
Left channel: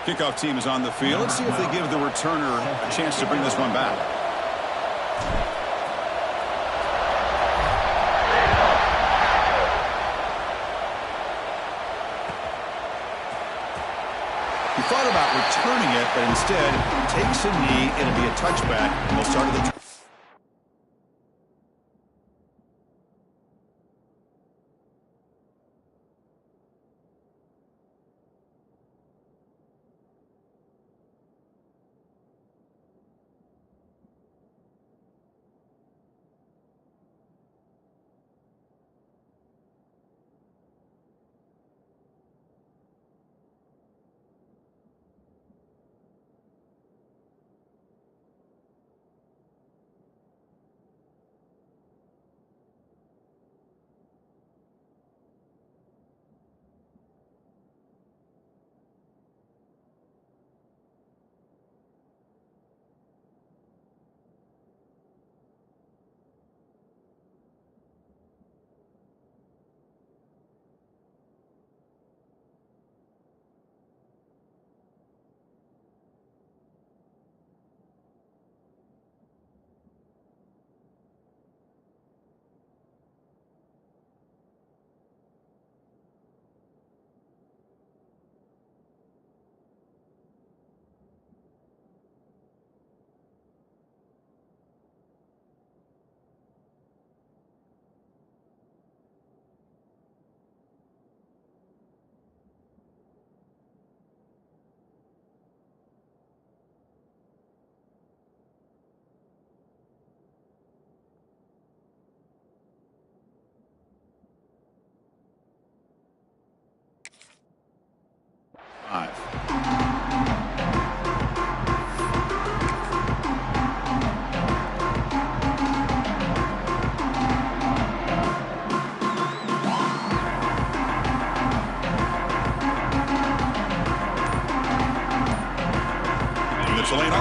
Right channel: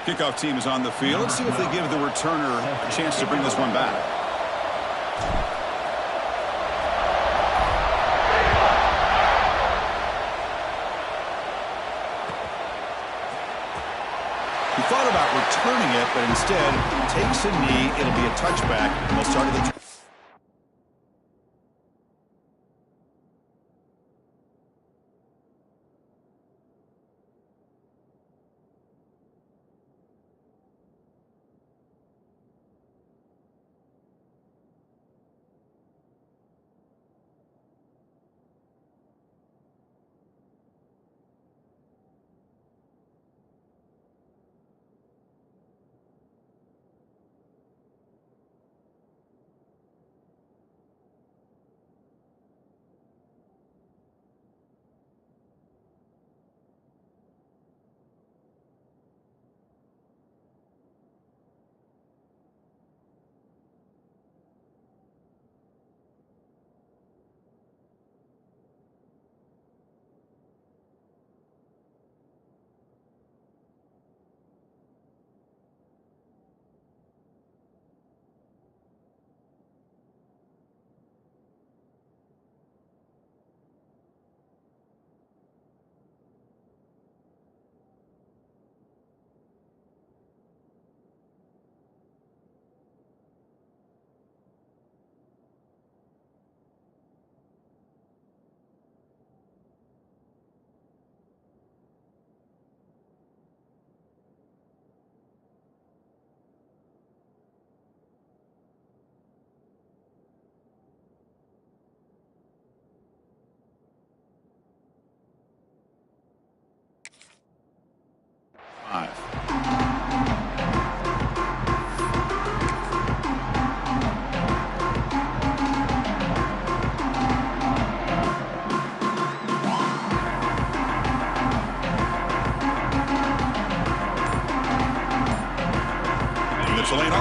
Kickoff team is on the field. Let's see if they give the returner a chance to bring this one back. He thought about returning it, but instead takes a knee. It'll be a touchback. And they'll start at the...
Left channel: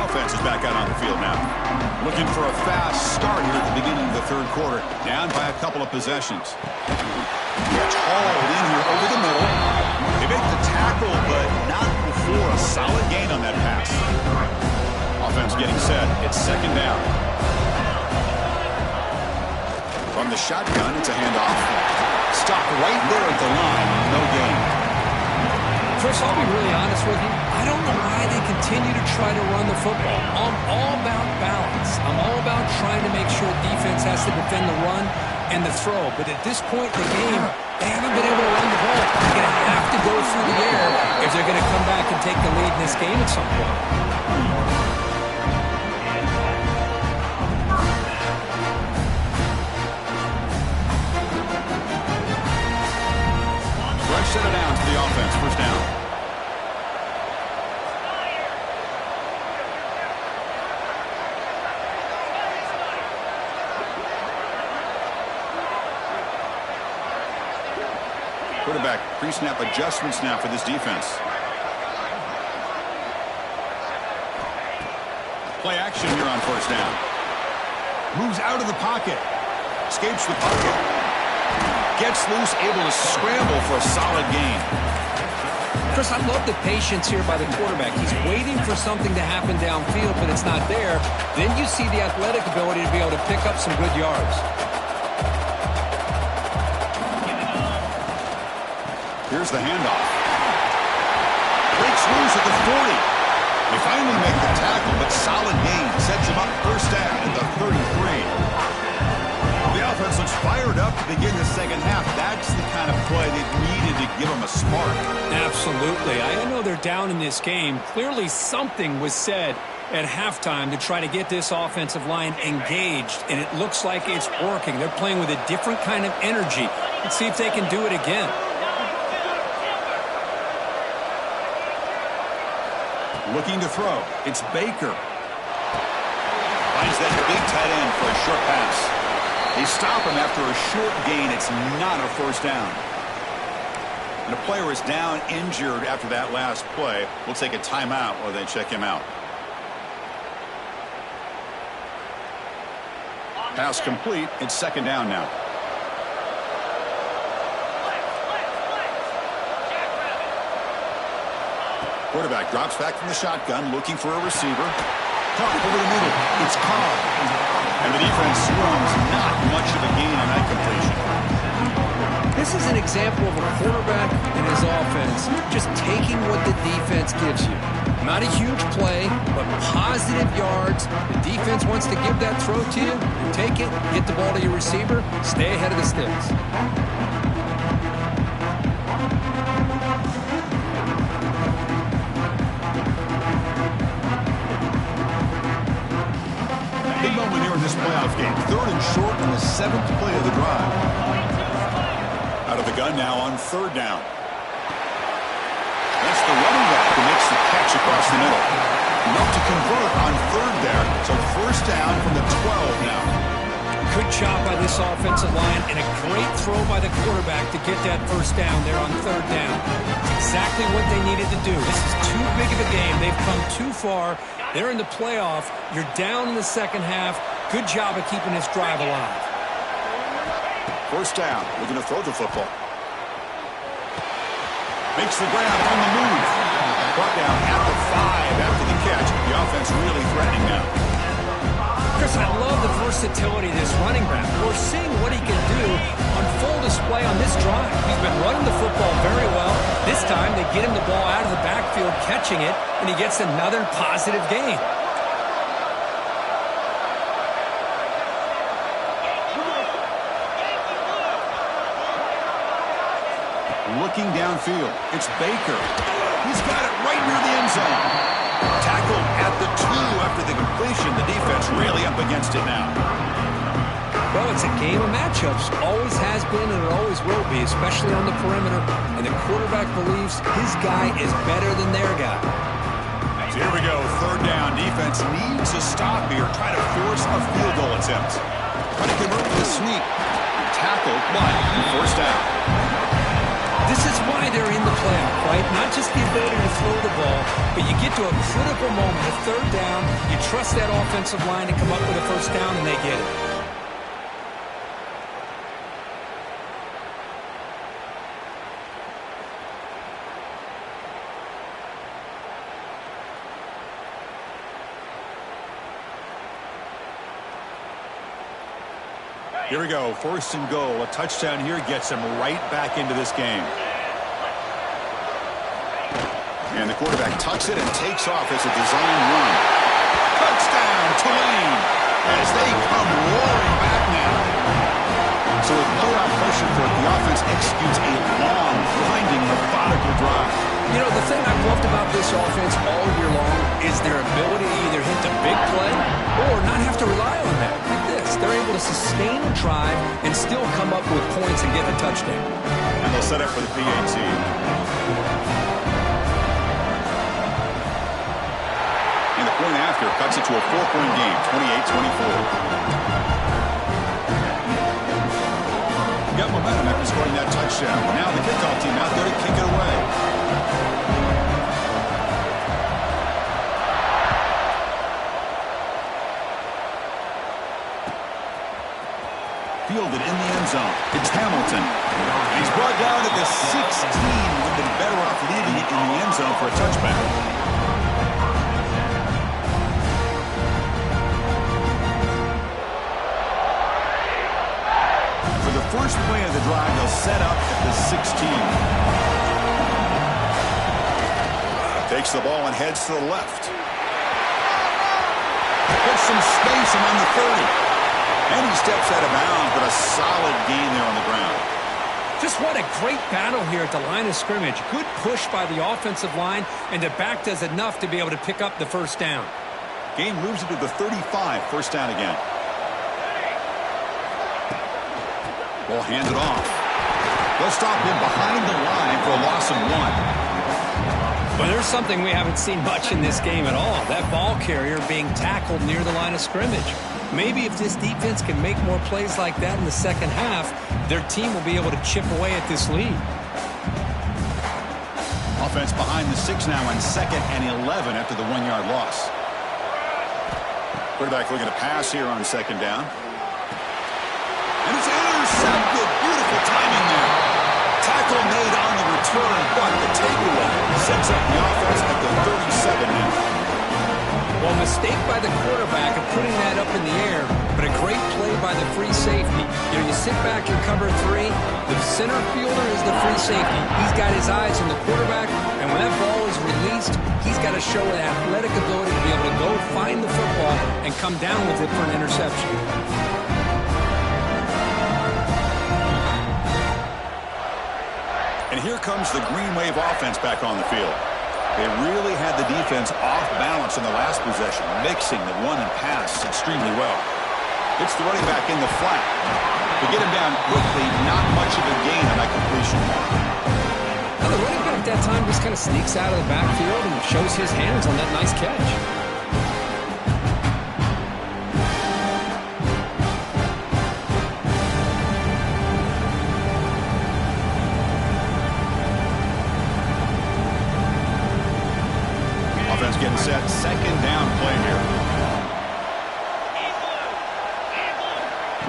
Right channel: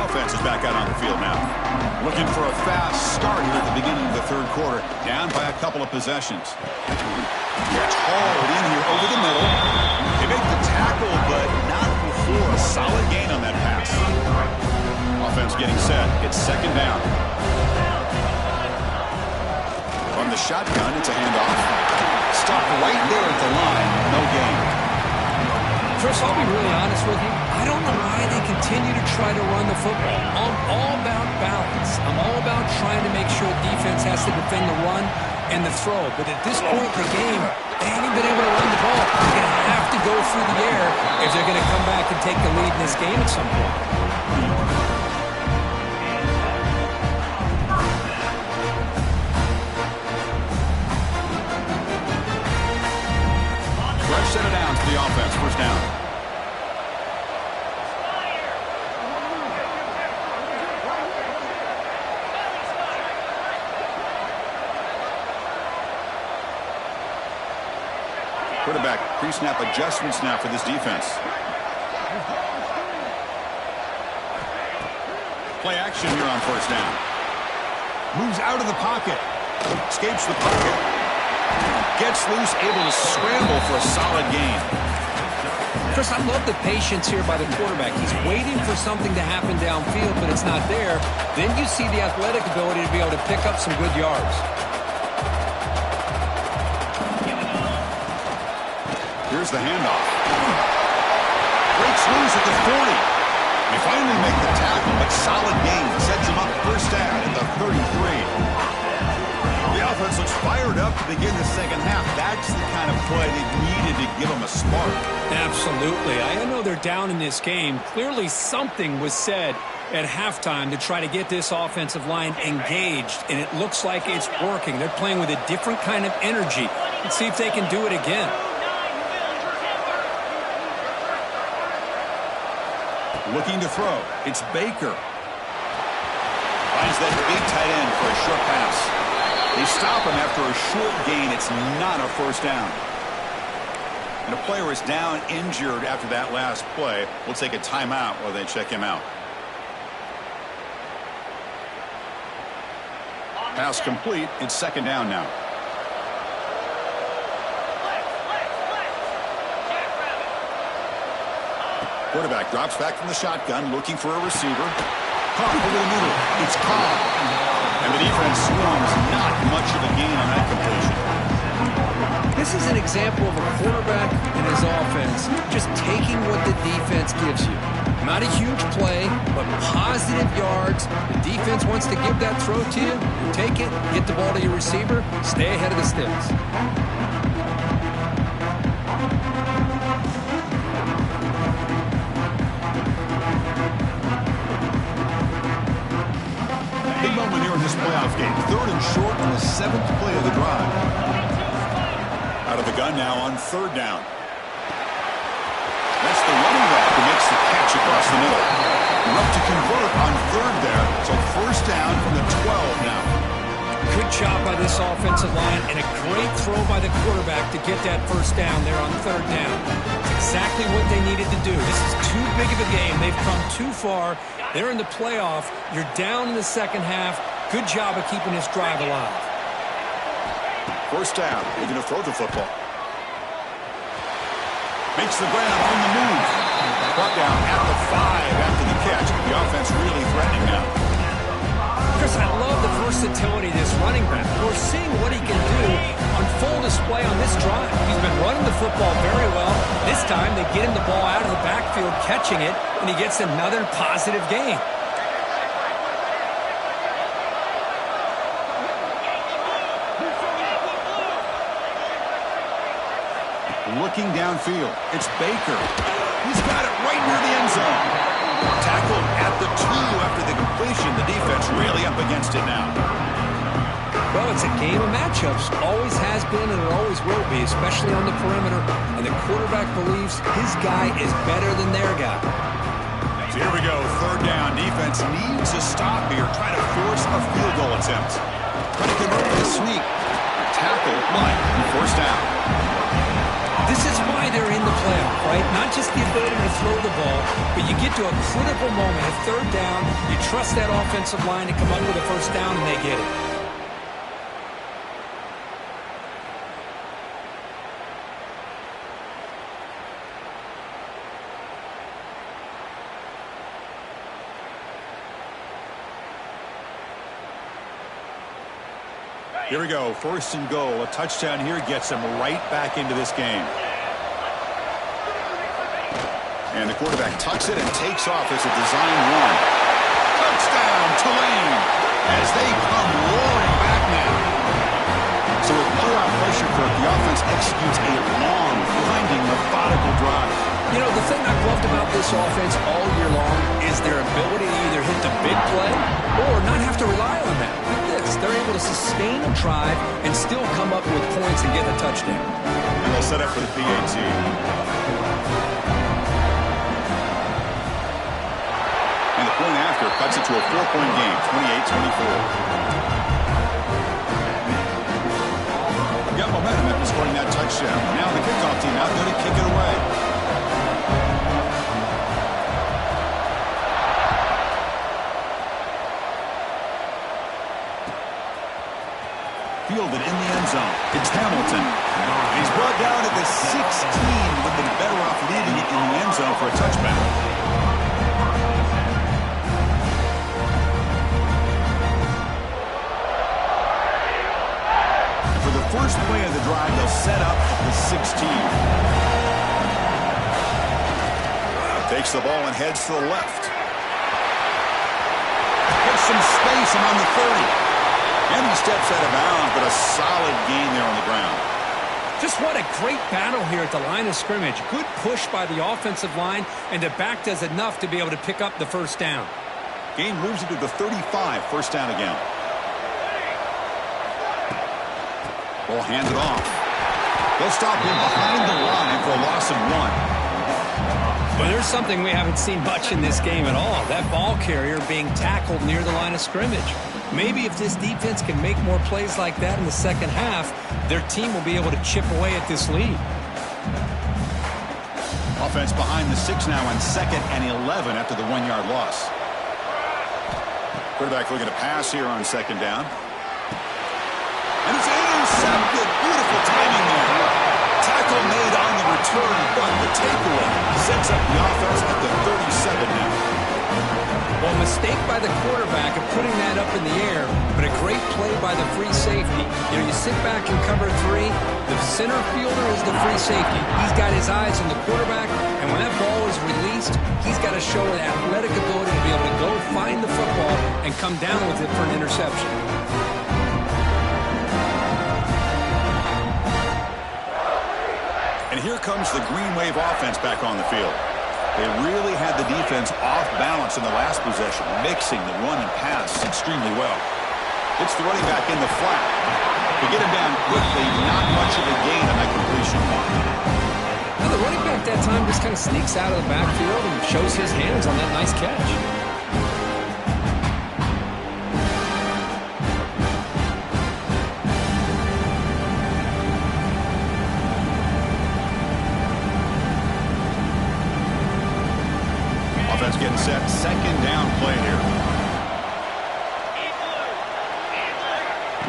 offense is back out on the field now. Looking for a fast start here at the beginning of the third quarter. Down by a couple of possessions. Gets hauled in here over the middle. They make the tackle, but not before a solid gain on that pass. Offense getting set. It's second down. From the shotgun, it's a handoff. Stop right there at the line. No gain. Chris, I'll be really honest with you. I don't know why they continue to try to run the football. I'm all about balance. I'm all about trying to make sure defense has to defend the run and the throw. But at this point in the game, they haven't been able to run the ball. They're going to have to go through the air if they're going to come back and take the lead in this game at some point. Fresh set of downs to the offense. First down. Quarterback pre-snap adjustments now for this defense. Play action here on first down. Moves out of the pocket. Escapes the pocket. Gets loose, able to scramble for a solid gain. Chris, I love the patience here by the quarterback. He's waiting for something to happen downfield, but it's not there. Then you see the athletic ability to be able to pick up some good yards. Here's the handoff. Breaks loose at the 40. They finally make the tackle, but solid gain sets him up first down at the 33. The offense looks fired up to begin the second half. That's the kind of play they needed to give them a spark. Absolutely. I know they're down in this game. Clearly something was said at halftime to try to get this offensive line engaged, and it looks like it's working. They're playing with a different kind of energy. Let's see if they can do it again. Looking to throw. It's Baker. Finds that big tight end for a short pass. They stop him after a short gain. It's not a first down. And a player is down injured after that last play. We'll take a timeout while they check him out. Pass complete. It's second down now. Quarterback drops back from the shotgun, looking for a receiver. Caught over the middle. It's Cobb. And the defense swarms. Not much of a gain on that completion. This is an example of a quarterback and his offense just taking what the defense gives you. Not a huge play, but positive yards. The defense wants to give that throw to you. You take it, get the ball to your receiver, stay ahead of the sticks. Big moment here in this playoff game. Third and short on the 7th play of the drive. Out of the gun now on third down. That's the running back who makes the catch across the middle. Enough to convert on third there. So first down from the 12 now. Good job by this offensive line and a great throw by the quarterback to get that first down there on third down. It's exactly what they needed to do. This is too big of a game. They've come too far. They're in the playoff. You're down in the second half. Good job of keeping this drive alive. First down. Looking to throw the football. Makes the grab on the move. Brought down at the 5 after the catch. The offense really threatening now. Chris, I love the versatility of this running back. We're seeing what he can do on full display on this drive. He's been running the football very well. This time they get him the ball out of the backfield, catching it, and he gets another positive gain. Looking downfield, it's Baker. He's got it right near the end zone. Tackled at the 2 after the completion. The defense really up against it now. Well, it's a game of matchups. Always has been and it always will be, especially on the perimeter. And the quarterback believes his guy is better than their guy. So here we go. Third down. Defense needs a stop here. Try to force a field goal attempt. Try to convert with a sneak. Tackle, but first down. This is why they're in the playoff, right? Not just the ability to throw the ball, but you get to a critical moment, a third down, you trust that offensive line to come up with a first down, and they get it. Here we go, 1st and goal. A touchdown here gets him right back into this game. And the quarterback tucks it and takes off as a design run. Touchdown, Tulane, as they come roaring back now. So with blowout pressure, Kirk, the offense executes a long, grinding, methodical drive. You know, the thing I've loved about this offense all year long is their ability to either hit the big play or not have to rely on that. Like this, they're able to sustain a drive and still come up with points and get a touchdown. And they'll set up for the PAT. And the point after cuts it to a 4-point game, 28-24. Got momentum after scoring that touchdown. Now the kickoff team out there to kick it away. Fielded in the end zone. It's Hamilton. And he's brought down at the 16. Would have been better off leaving it in the end zone for a touchback. And for the first play of the drive, they'll set up at the 16. Takes the ball and heads to the left. Gets some space around the 30. And he steps out of bounds, but a solid gain there on the ground. Just what a great battle here at the line of scrimmage. Good push by the offensive line, and the back does enough to be able to pick up the first down. Gain moves it to the 35, first down again. Ball handed off. They'll stop him behind the line for a loss of 1. Well, there's something we haven't seen much in this game at all. That ball carrier being tackled near the line of scrimmage. Maybe if this defense can make more plays like that in the second half, their team will be able to chip away at this lead. Offense behind the 6 now on 2nd and 11 after the 1-yard loss. Quarterback looking to pass here on 2nd down. And it's intercepted. Beautiful timing there. Tackle made on the return, but the takeaway sets up the offense at the 37 now. Well, mistake by the quarterback of putting that up in the air, but a great play by the free safety. You know, you sit back in cover 3, the center fielder is the free safety. He's got his eyes on the quarterback, and when that ball is released, he's got to show an athletic ability to be able to go find the football and come down with it for an interception. And here comes the Green Wave offense back on the field. They really had the defense off balance in the last possession, mixing the run and pass extremely well. It's the running back in the flat. To get him down quickly, not much of a gain on that completion. Now the running back that time just kind of sneaks out of the backfield and shows his hands on that nice catch. Offense getting set. 2nd down play here.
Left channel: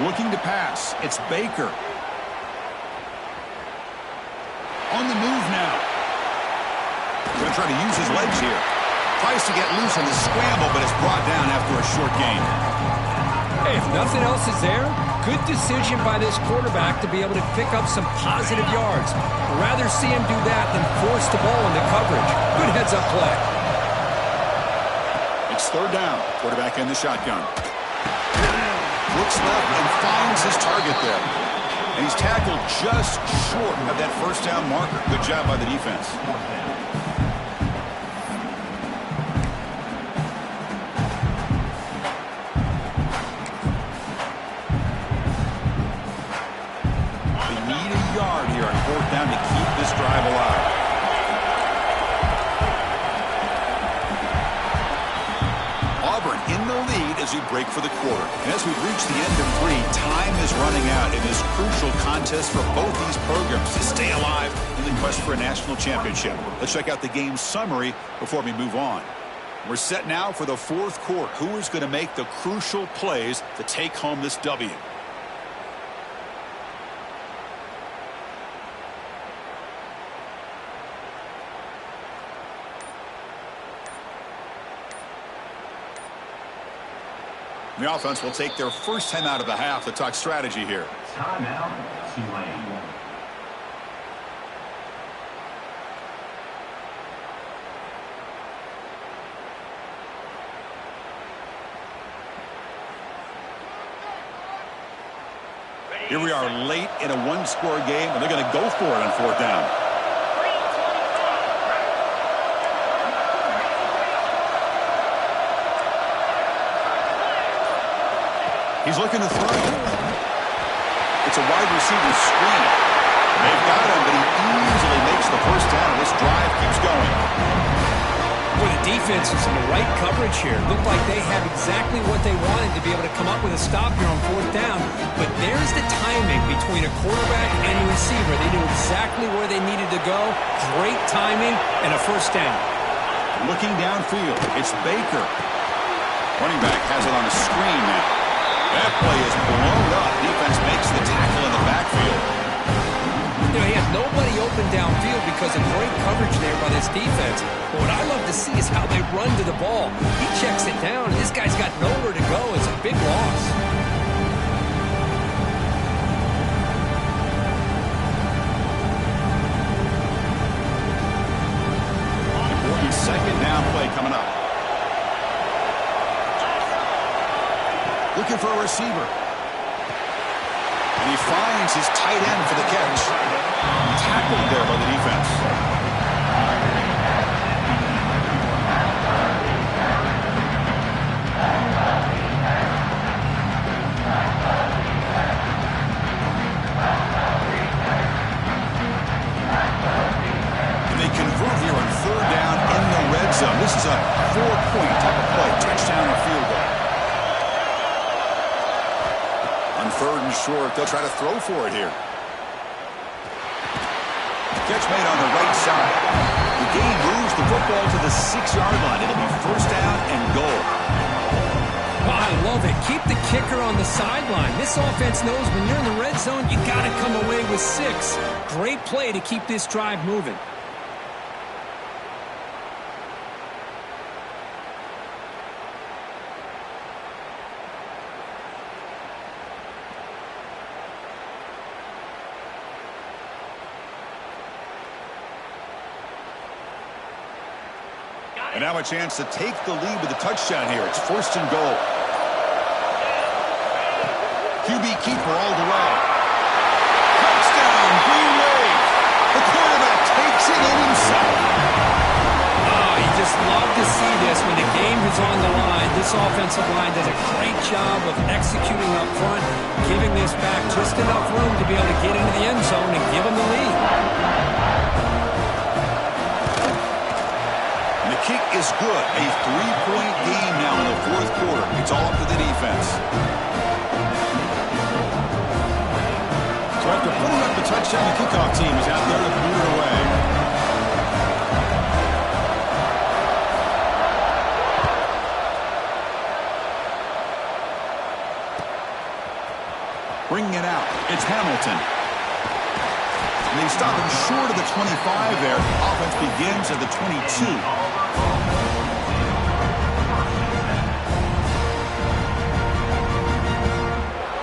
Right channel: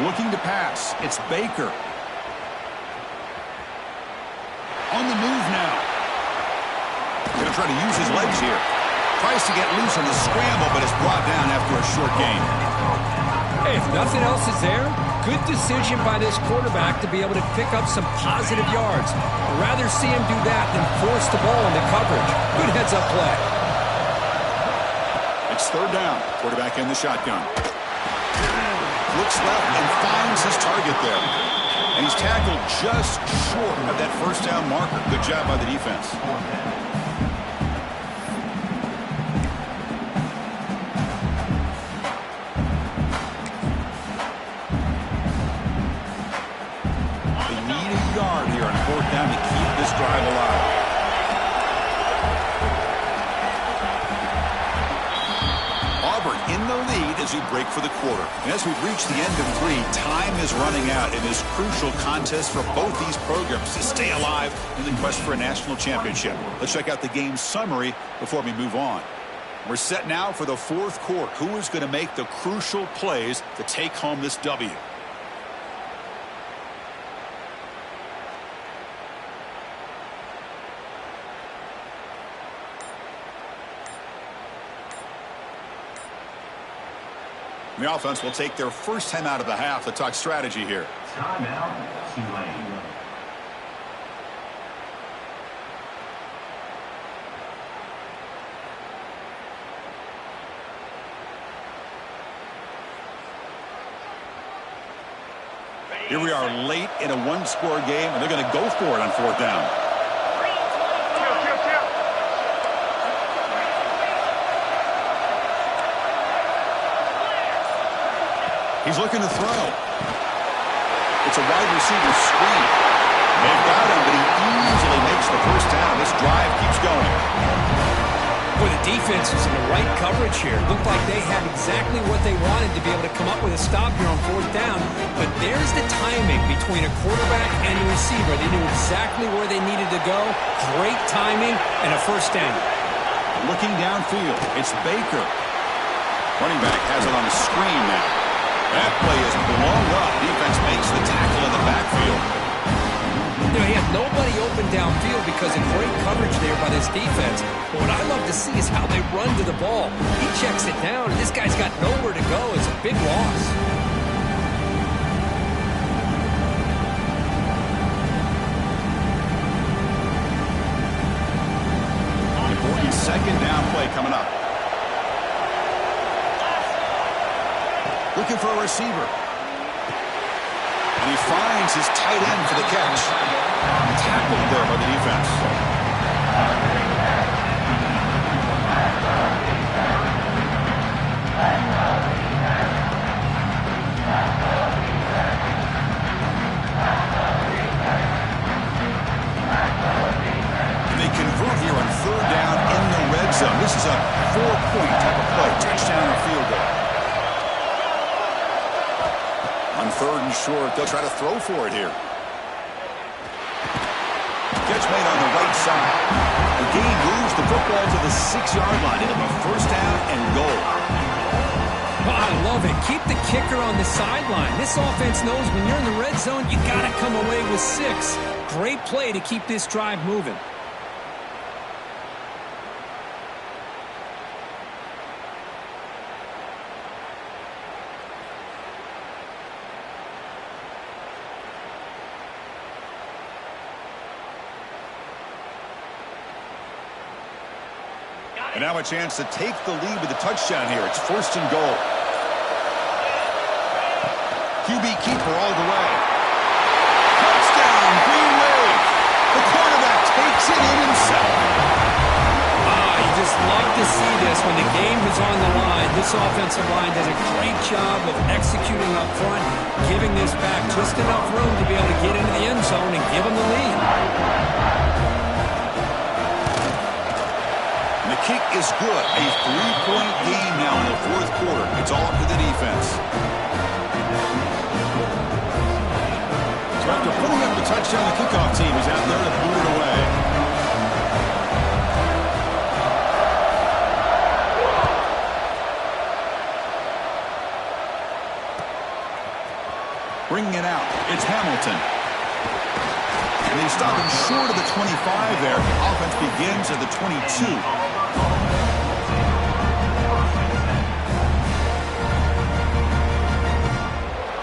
Looking to pass. It's Baker. On the move now. Going to try to use his legs here. Tries to get loose on the scramble, but it's brought down after a short gain. Hey, if nothing else is there, good decision by this quarterback to be able to pick up some positive yards. I'd rather see him do that than force the ball into coverage. Good heads-up play. It's 3rd down. Quarterback in the shotgun. Looks left and finds his target there. And he's tackled just short of that first down marker. Good job by the defense. They need a yard here on 4th down to keep this drive alive. Auburn in the lead as we break for the quarter. And as we reach the end of 3, time is running out in this crucial contest for both these programs to stay alive in the quest for a national championship. Let's check out the game summary before we move on. We're set now for the 4th quarter. Who is going to make the crucial plays to take home this W? The offense will take their first time out of the half to talk strategy here. Timeout, Tulane. Here we are late in a one-score game, and they're going to go for it on 4th down. He's looking to throw. It's a wide receiver screen. They've got him, but he easily makes the first down. This drive keeps going. Boy, the defense is in the right coverage here. Looked like they had exactly what they wanted to be able to come up with a stop here on 4th down. But there's the timing between a quarterback and the receiver. They knew exactly where they needed to go. Great timing and a first down. Looking downfield, it's Baker. Running back has it on the screen now. That play is blown up. Defense makes the tackle in the backfield. You know, he had nobody open downfield because of great coverage there by this defense. But what I love to see is how they run to the ball. He checks it down, and this guy's got nowhere to go. It's a big loss. Important 2nd down play coming up. Looking for a receiver. And he finds his tight end for the catch. Tackled there by the defense. And they convert here on 3rd down in the red zone. This is a 4-point type of play. Touchdown or field goal. On 3rd and short, they'll try to throw for it here. Catch made on the right side. The game moves the football to the 6-yard line. It'll be 1st down and goal. Oh, I love it. Keep the kicker on the sideline. This offense knows when you're in the red zone, you got to come away with 6. Great play to keep this drive moving. And now a chance to take the lead with a touchdown here. It's 1st and goal. QB keeper all the way. Touchdown, Green Wave. The quarterback takes it in himself. You just love to see this when the game is on the line. This offensive line does a great job of executing up front, giving this back just enough room to be able to get into the end zone and give them the lead. The kick is good. A 3-point game now in the 4th quarter. It's all up to the defense. So after putting up the touchdown, the kickoff team is out there to boot it away. Bringing it out, it's Hamilton. And they stop him short of the 25 there. Offense begins at the 22.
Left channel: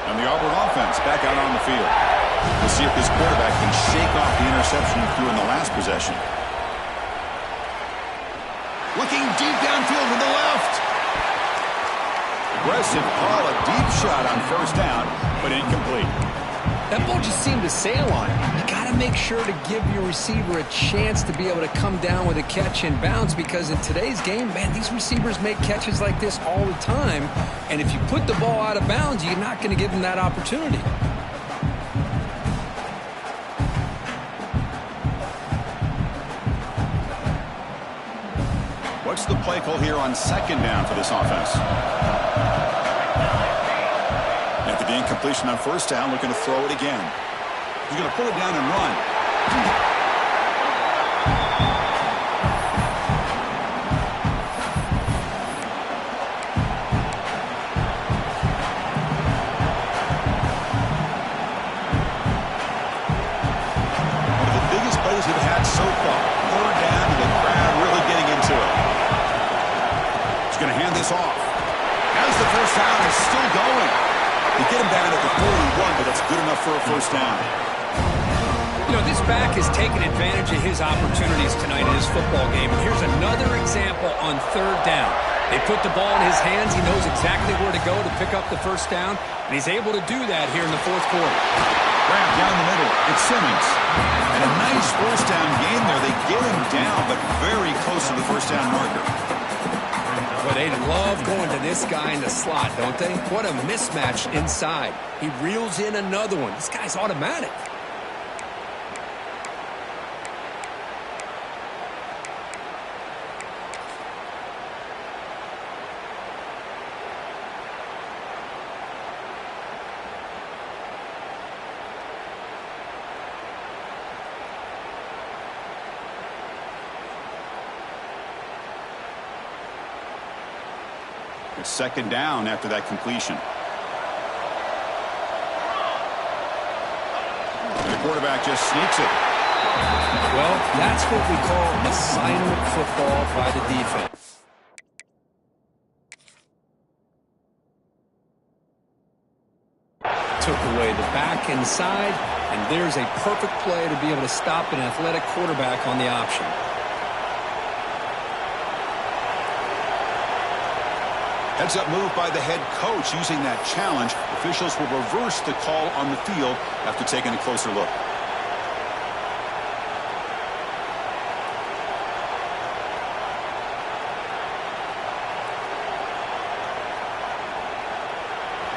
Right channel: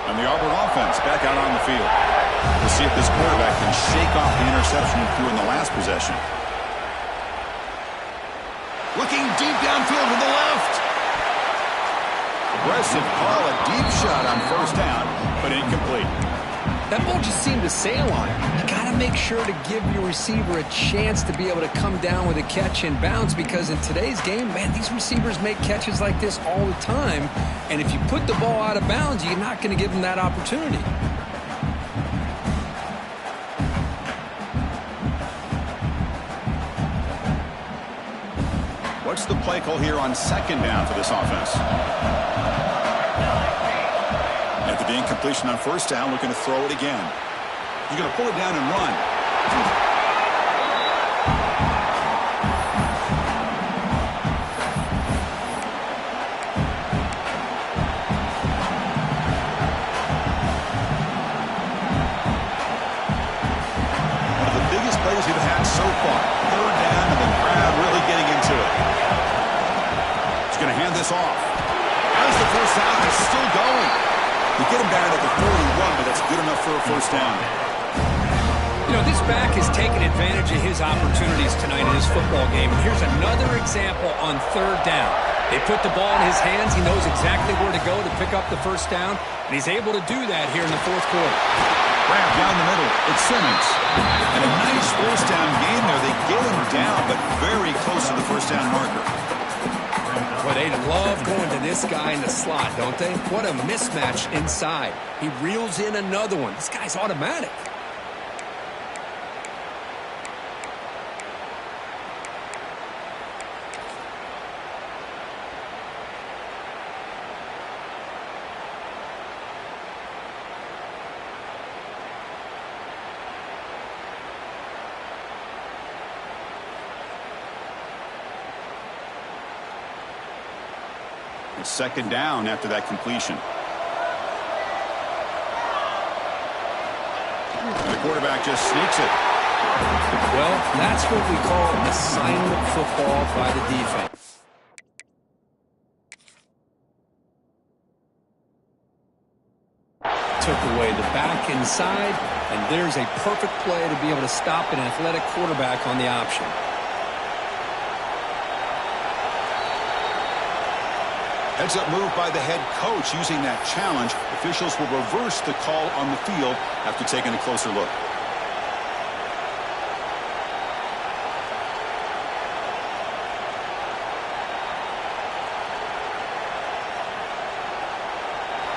And the Auburn offense back out on the field. We'll see if this quarterback can shake off the interception he threw in the last possession. Looking deep downfield to the left. Aggressive call, a deep shot on 1st down, but incomplete. That ball just seemed to sail on him. You got to make sure to give your receiver a chance to be able to come down with a catch and bounce, because in today's game, man, these receivers make catches like this all the time. And if you put the ball out of bounds, you're not going to give them that opportunity. What's the play call here on second down for this offense? After the incompletion on first down, looking to throw it again. He's going to pull it down and run. One of the biggest plays we've had so far. Third down and the crowd really getting into it. He's going to hand this off. As the first down is still going. They get him down at the 41, but that's good enough for a first down. You know, this back has taken advantage of his opportunities tonight in his football game. And here's another example on third down. They put the ball in his hands. He knows exactly where to go to pick up the first down. And he's able to do that here in the fourth quarter. Grab down the middle. It's Simmons. And a nice first down game there. They get him down, but very close to the first down marker. Boy, they love going to this guy in the slot, don't they? What a mismatch inside. He reels in another one. This guy's automatic. It's second down after that completion. And the quarterback just sneaks it. Well, that's what we call assignment football by the defense. Took away the back inside, and there's a perfect play to be able to stop an athletic quarterback on the option. Heads-up move by the head coach using that challenge. Officials will reverse the call on the field after taking a closer look.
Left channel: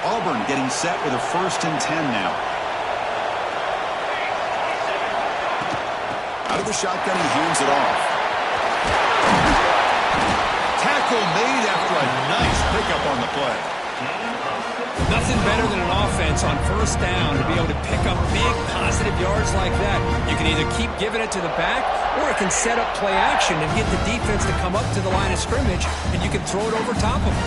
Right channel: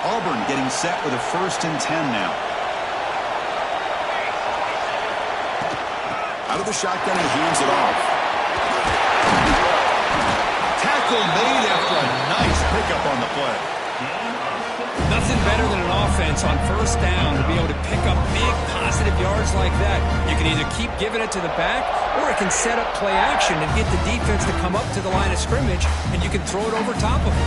Auburn getting set with a 1st and 10 now. Out of the shotgun, he hands it off. Tackle made after a nice pickup on the play. Nothing better than an offense on first down to be able to pick up big positive yards like that. You can either keep giving it to the back, or it can set up play action and get the defense to come up to the line of scrimmage, and you can throw it over top of them.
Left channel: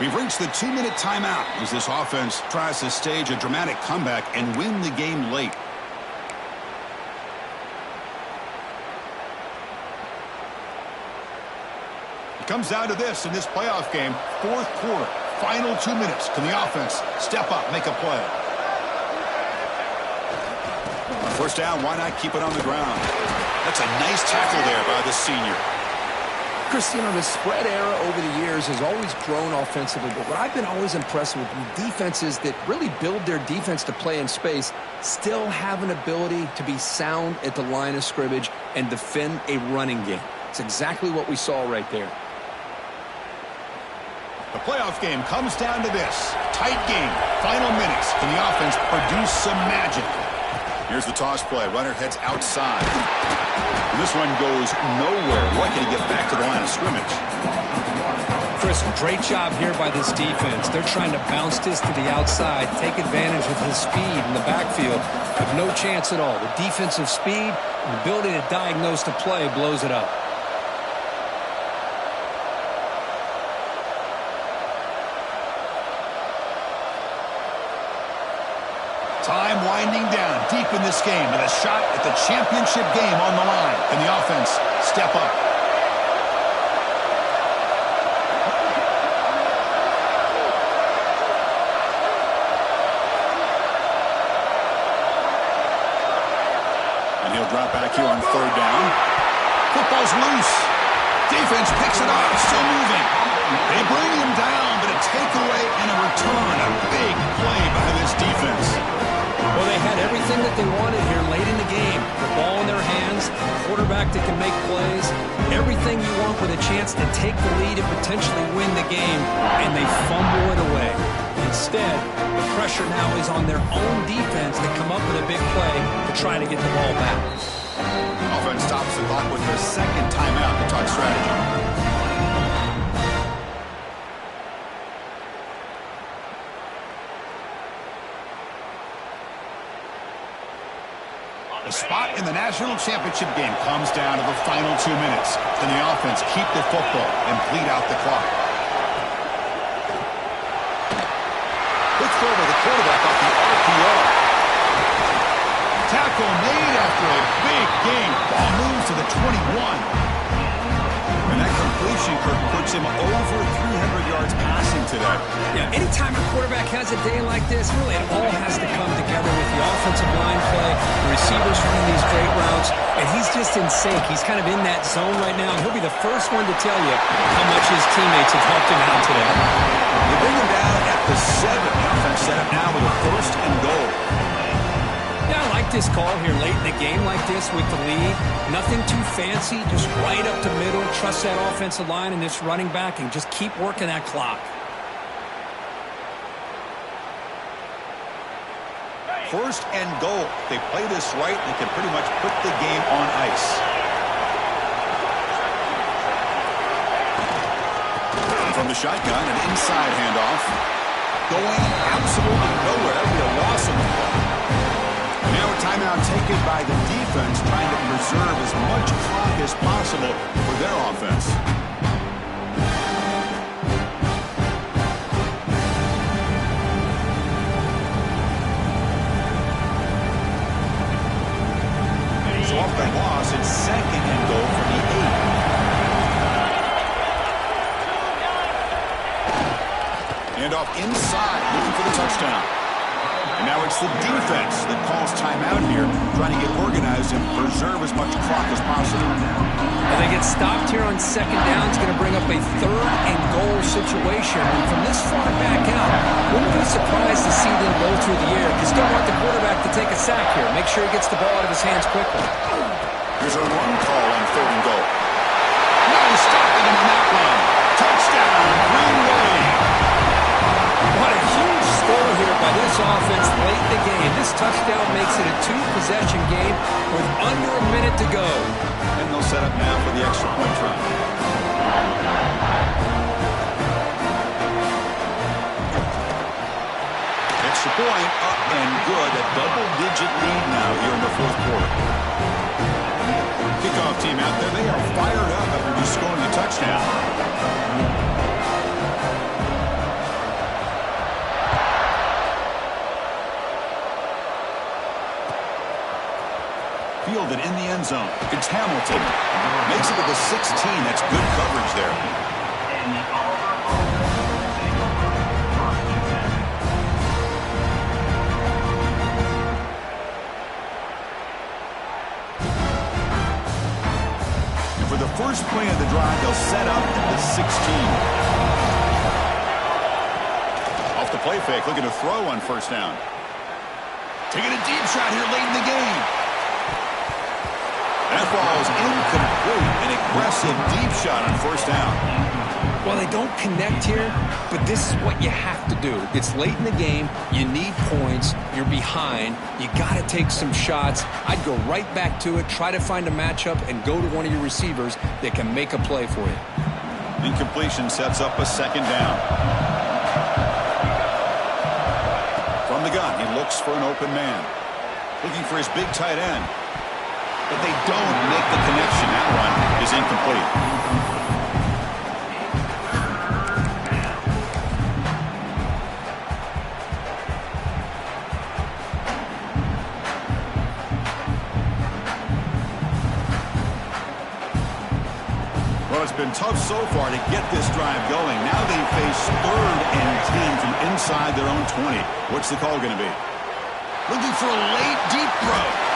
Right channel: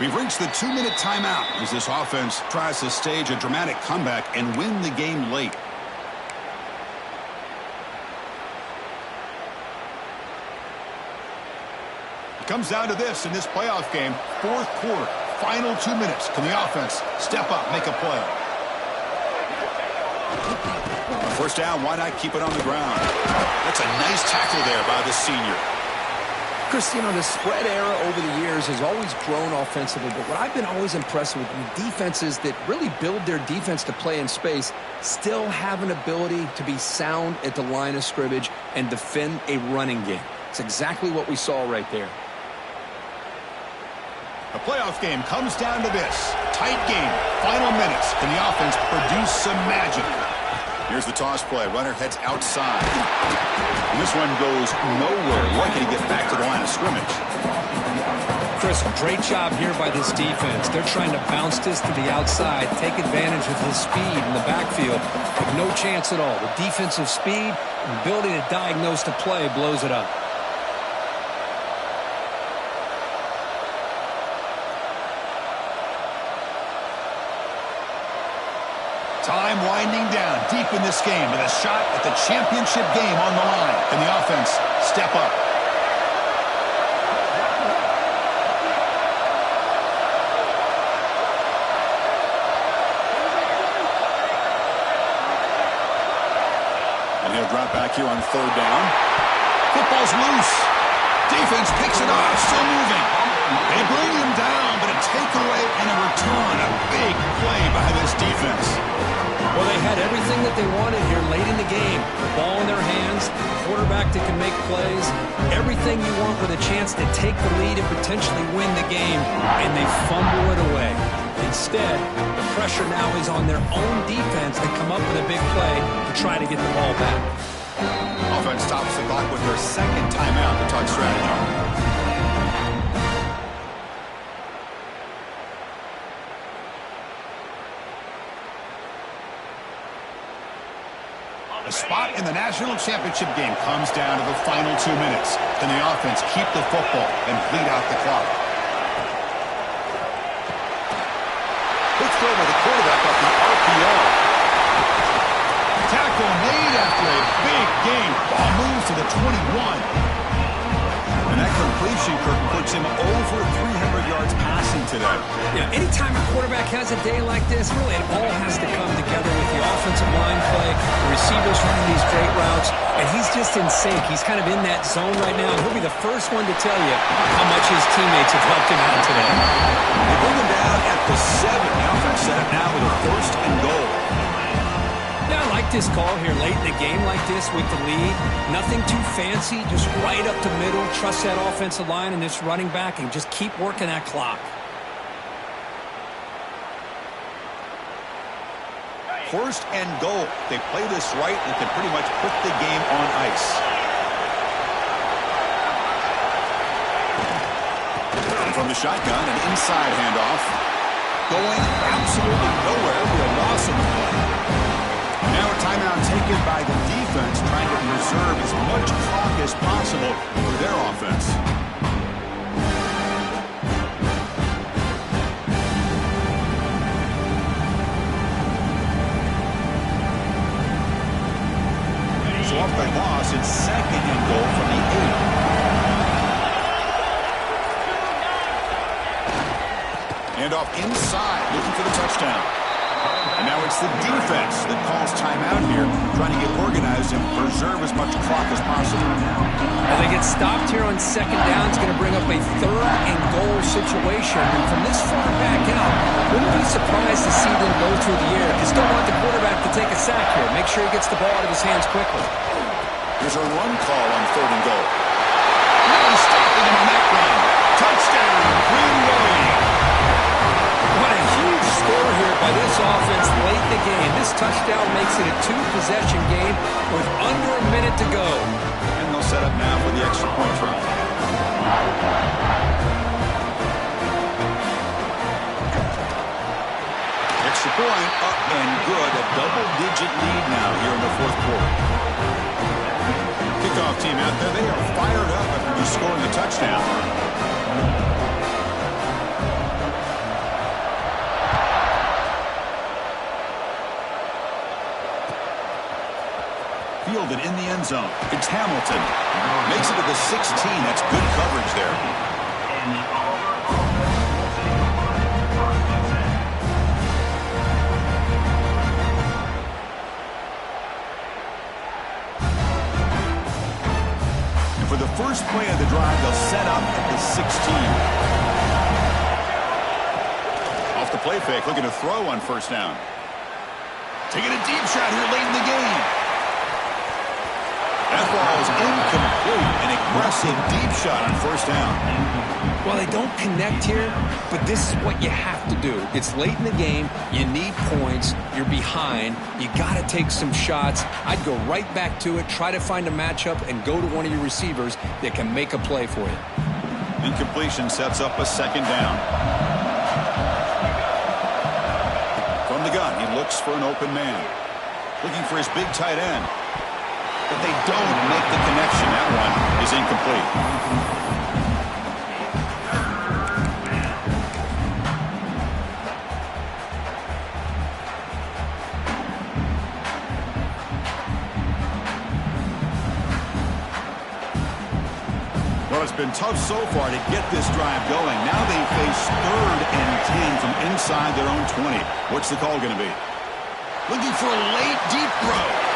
We've reached the 2-minute timeout as this offense tries to stage a dramatic comeback and win the game late. It comes down to this in this playoff game, 4th quarter, final 2 minutes. Can the offense step up, make a play? First down, why not keep it on the ground? That's a nice tackle there by the senior. Chris, you know, the spread era over the years has always grown offensively, but what I've been always impressed with the defenses that really build their defense to play in space still have an ability to be sound at the line of scrimmage and defend a running game. It's exactly what we saw right there. The playoff game comes down to this. Tight game, final minutes. Can the offense produce some magic? Here's the toss play. Runner heads outside. And this one goes nowhere. Lucky to get back to the line of scrimmage. Chris, great job here by this defense. They're trying to bounce this to the outside, take advantage of his speed in the backfield, but no chance at all. The defensive speed and ability to diagnose the play blows it up. Time winding down deep in this game with a shot at the championship game on the line. And the offense step up. And he'll drop back here on 3rd down. Football's loose. Defense picks it up, still moving. They bring him down, but a takeaway and a return. A big play by this defense. Well, they had everything that they wanted here late in the game. The ball in their hands, quarterback that can make plays, everything you want with a chance to take the lead and potentially win the game, and they fumble it away. Instead, the pressure now is on their own defense to come up with a big play to try to get the ball back. Offense stops the clock with their second timeout to talk strategy. The spot in the national championship game comes down to the final 2 minutes. Can the offense keep the football and bleed out the clock? Quick throw by the quarterback off the RPO. Tackle made after a big game. Ball moves to the 21. And that completion, Kirk, puts him over 300 yards passing today. Yeah, anytime a quarterback has a day like this, really it all has to come together with the offensive line play, the receivers running these great routes, and he's just in sync. He's kind of in that zone right now, and he'll be the first one to tell you how much his teammates have helped him out today. They bring him down at the 7. The offense set up now with a 1st and goal. Yeah, I like this call here late in the game like this with the lead. Nothing too fancy, just right up the middle. Trust that offensive line and this running back and just keep working that clock. 1st and goal. If they play this right, they can pretty much put the game on ice. From the shotgun, an inside handoff. Going absolutely nowhere. It'll be a loss on the play. And now a timeout taken by the defense, trying to preserve as much clock as possible for their offense. So off the loss, it's 2nd and goal from the 8. And off inside, looking for the touchdown. And now it's the defense that calls timeout here, trying to get organized and preserve as much clock as possible. Well, they get stopped here on 2nd down. It's going to bring up a 3rd and goal situation. And from this far back out, wouldn't be surprised to see them go through the air. Just don't want the quarterback to take a sack here. Make sure he gets the ball out of his hands quickly. Here's a run call on 3rd and goal. No stopping him on that run. Touchdown, Green Bay. What a huge score here by this offense late in the game. This touchdown makes it a 2-possession game with under a minute to go. And they'll set up now for the extra point try. Extra point up and good. A double-digit lead now here in the 4th quarter. Kickoff team out there. They are fired up after just scoring a touchdown. Fielded in the end zone. It's Hamilton. Makes it to the 16. That's good coverage there. And for the first play of the drive, they'll set up at the 16. Off the play fake, looking to throw on 1st down. Taking a deep shot here late in the game. That ball is incomplete. An aggressive deep shot on 1st down. Well, they don't connect here, but this is what you have to do. It's late in the game. You need points. You're behind. You got to take some shots. I'd go right back to it, try to find a matchup, and go to one of your receivers that can make a play for you. Incompletion sets up a 2nd down. From the gun, he looks for an open man. Looking for his big tight end. But they don't make the connection. That one is incomplete. Well, it's been tough so far to get this drive going. Now they face 3rd and 10 from inside their own 20. What's the call going to be? Looking for a late deep throw.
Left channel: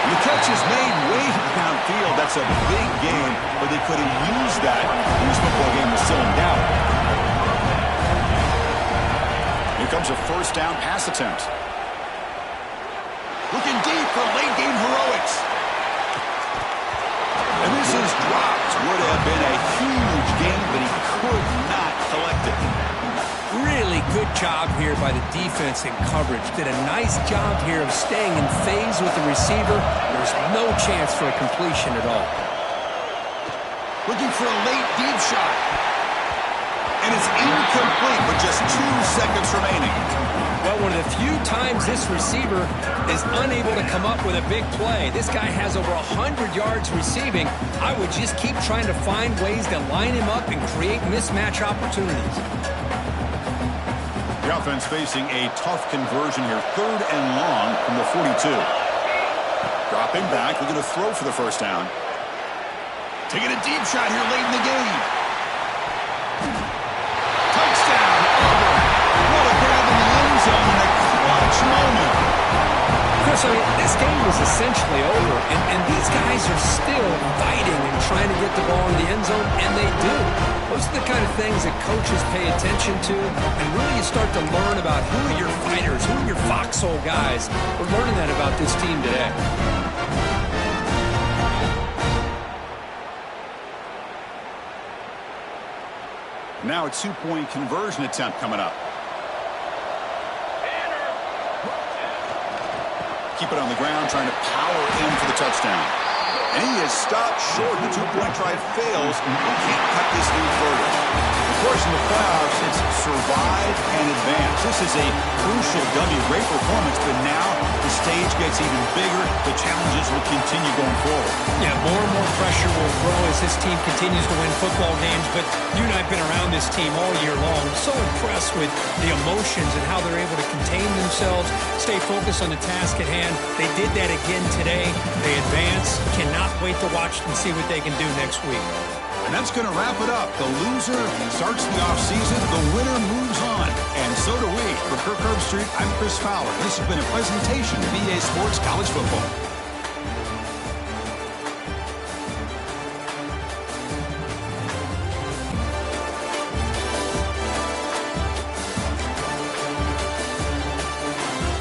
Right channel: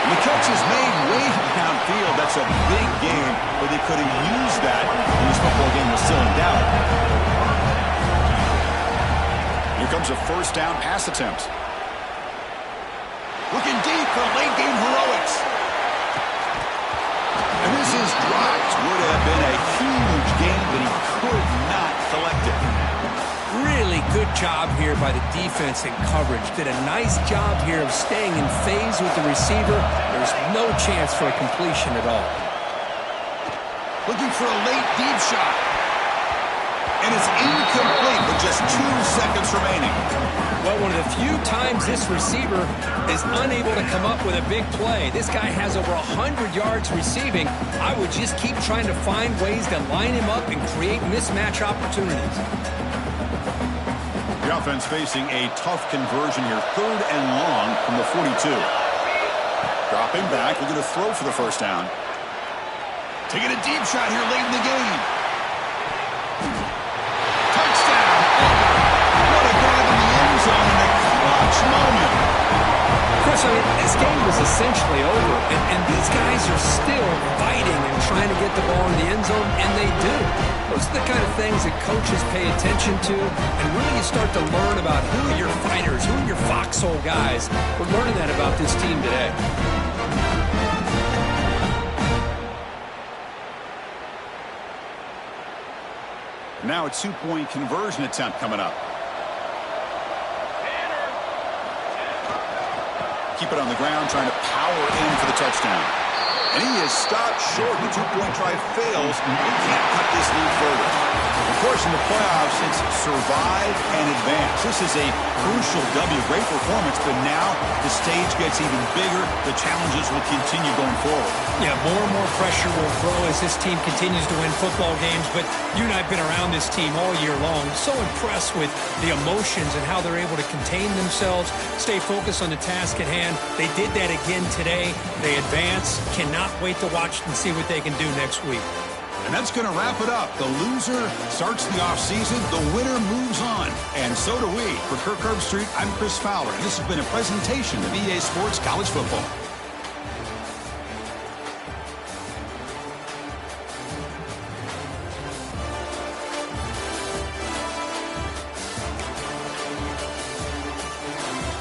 And the catch is made way downfield. That's a big game, but they could have used that when this football game was still in doubt. Here comes a 1st down pass attempt. Looking deep for late game heroics. And this is dropped. Would have been a huge game, but he could not collect it. Really good job here by the defense in coverage. Did a nice job here of staying in phase with the receiver. There's no chance for a completion at all. Looking for a late deep shot. And it's incomplete with just 2 seconds remaining. Well, one of the few times this receiver is unable to come up with a big play. This guy has over 100 yards receiving. I would just keep trying to find ways to line him up and create mismatch opportunities. The offense facing a tough conversion here. 3rd and long from the 42. Dropping back, looking to throw for the first down. Taking a deep shot here late in the game. Touchdown, Auburn. What a grab in the end zone in a clutch moment. Chris, I mean, this game was essentially over, and these guys are still fighting and trying to get the ball in the end zone, and they do. Those are the kind of things that coaches pay attention to, and really you start to learn about who are your fighters, who are your foxhole guys. We're learning that about this team today. Now a 2-point conversion attempt coming up. Keep it on the ground, trying to power in for the touchdown. And he is stopped short. The 2-point try fails. He can't cut this lead further. Of course, in the playoffs, it's survive and advance. This is a crucial W. Great performance, but now the stage gets even bigger. The challenges will continue going forward. Yeah, more and more pressure will grow as this team continues to win football games. But you and I have been around this team all year long. So impressed with the emotions and how they're able to contain themselves, stay focused on the task at hand. They did that again today. They advance. Cannot wait to watch and see what they can do next week. And that's going to wrap it up. The loser starts the offseason. The winner moves on. And so do we. For Kirk Herbstreit, I'm Chris Fowler. And this has been a presentation of EA Sports College Football.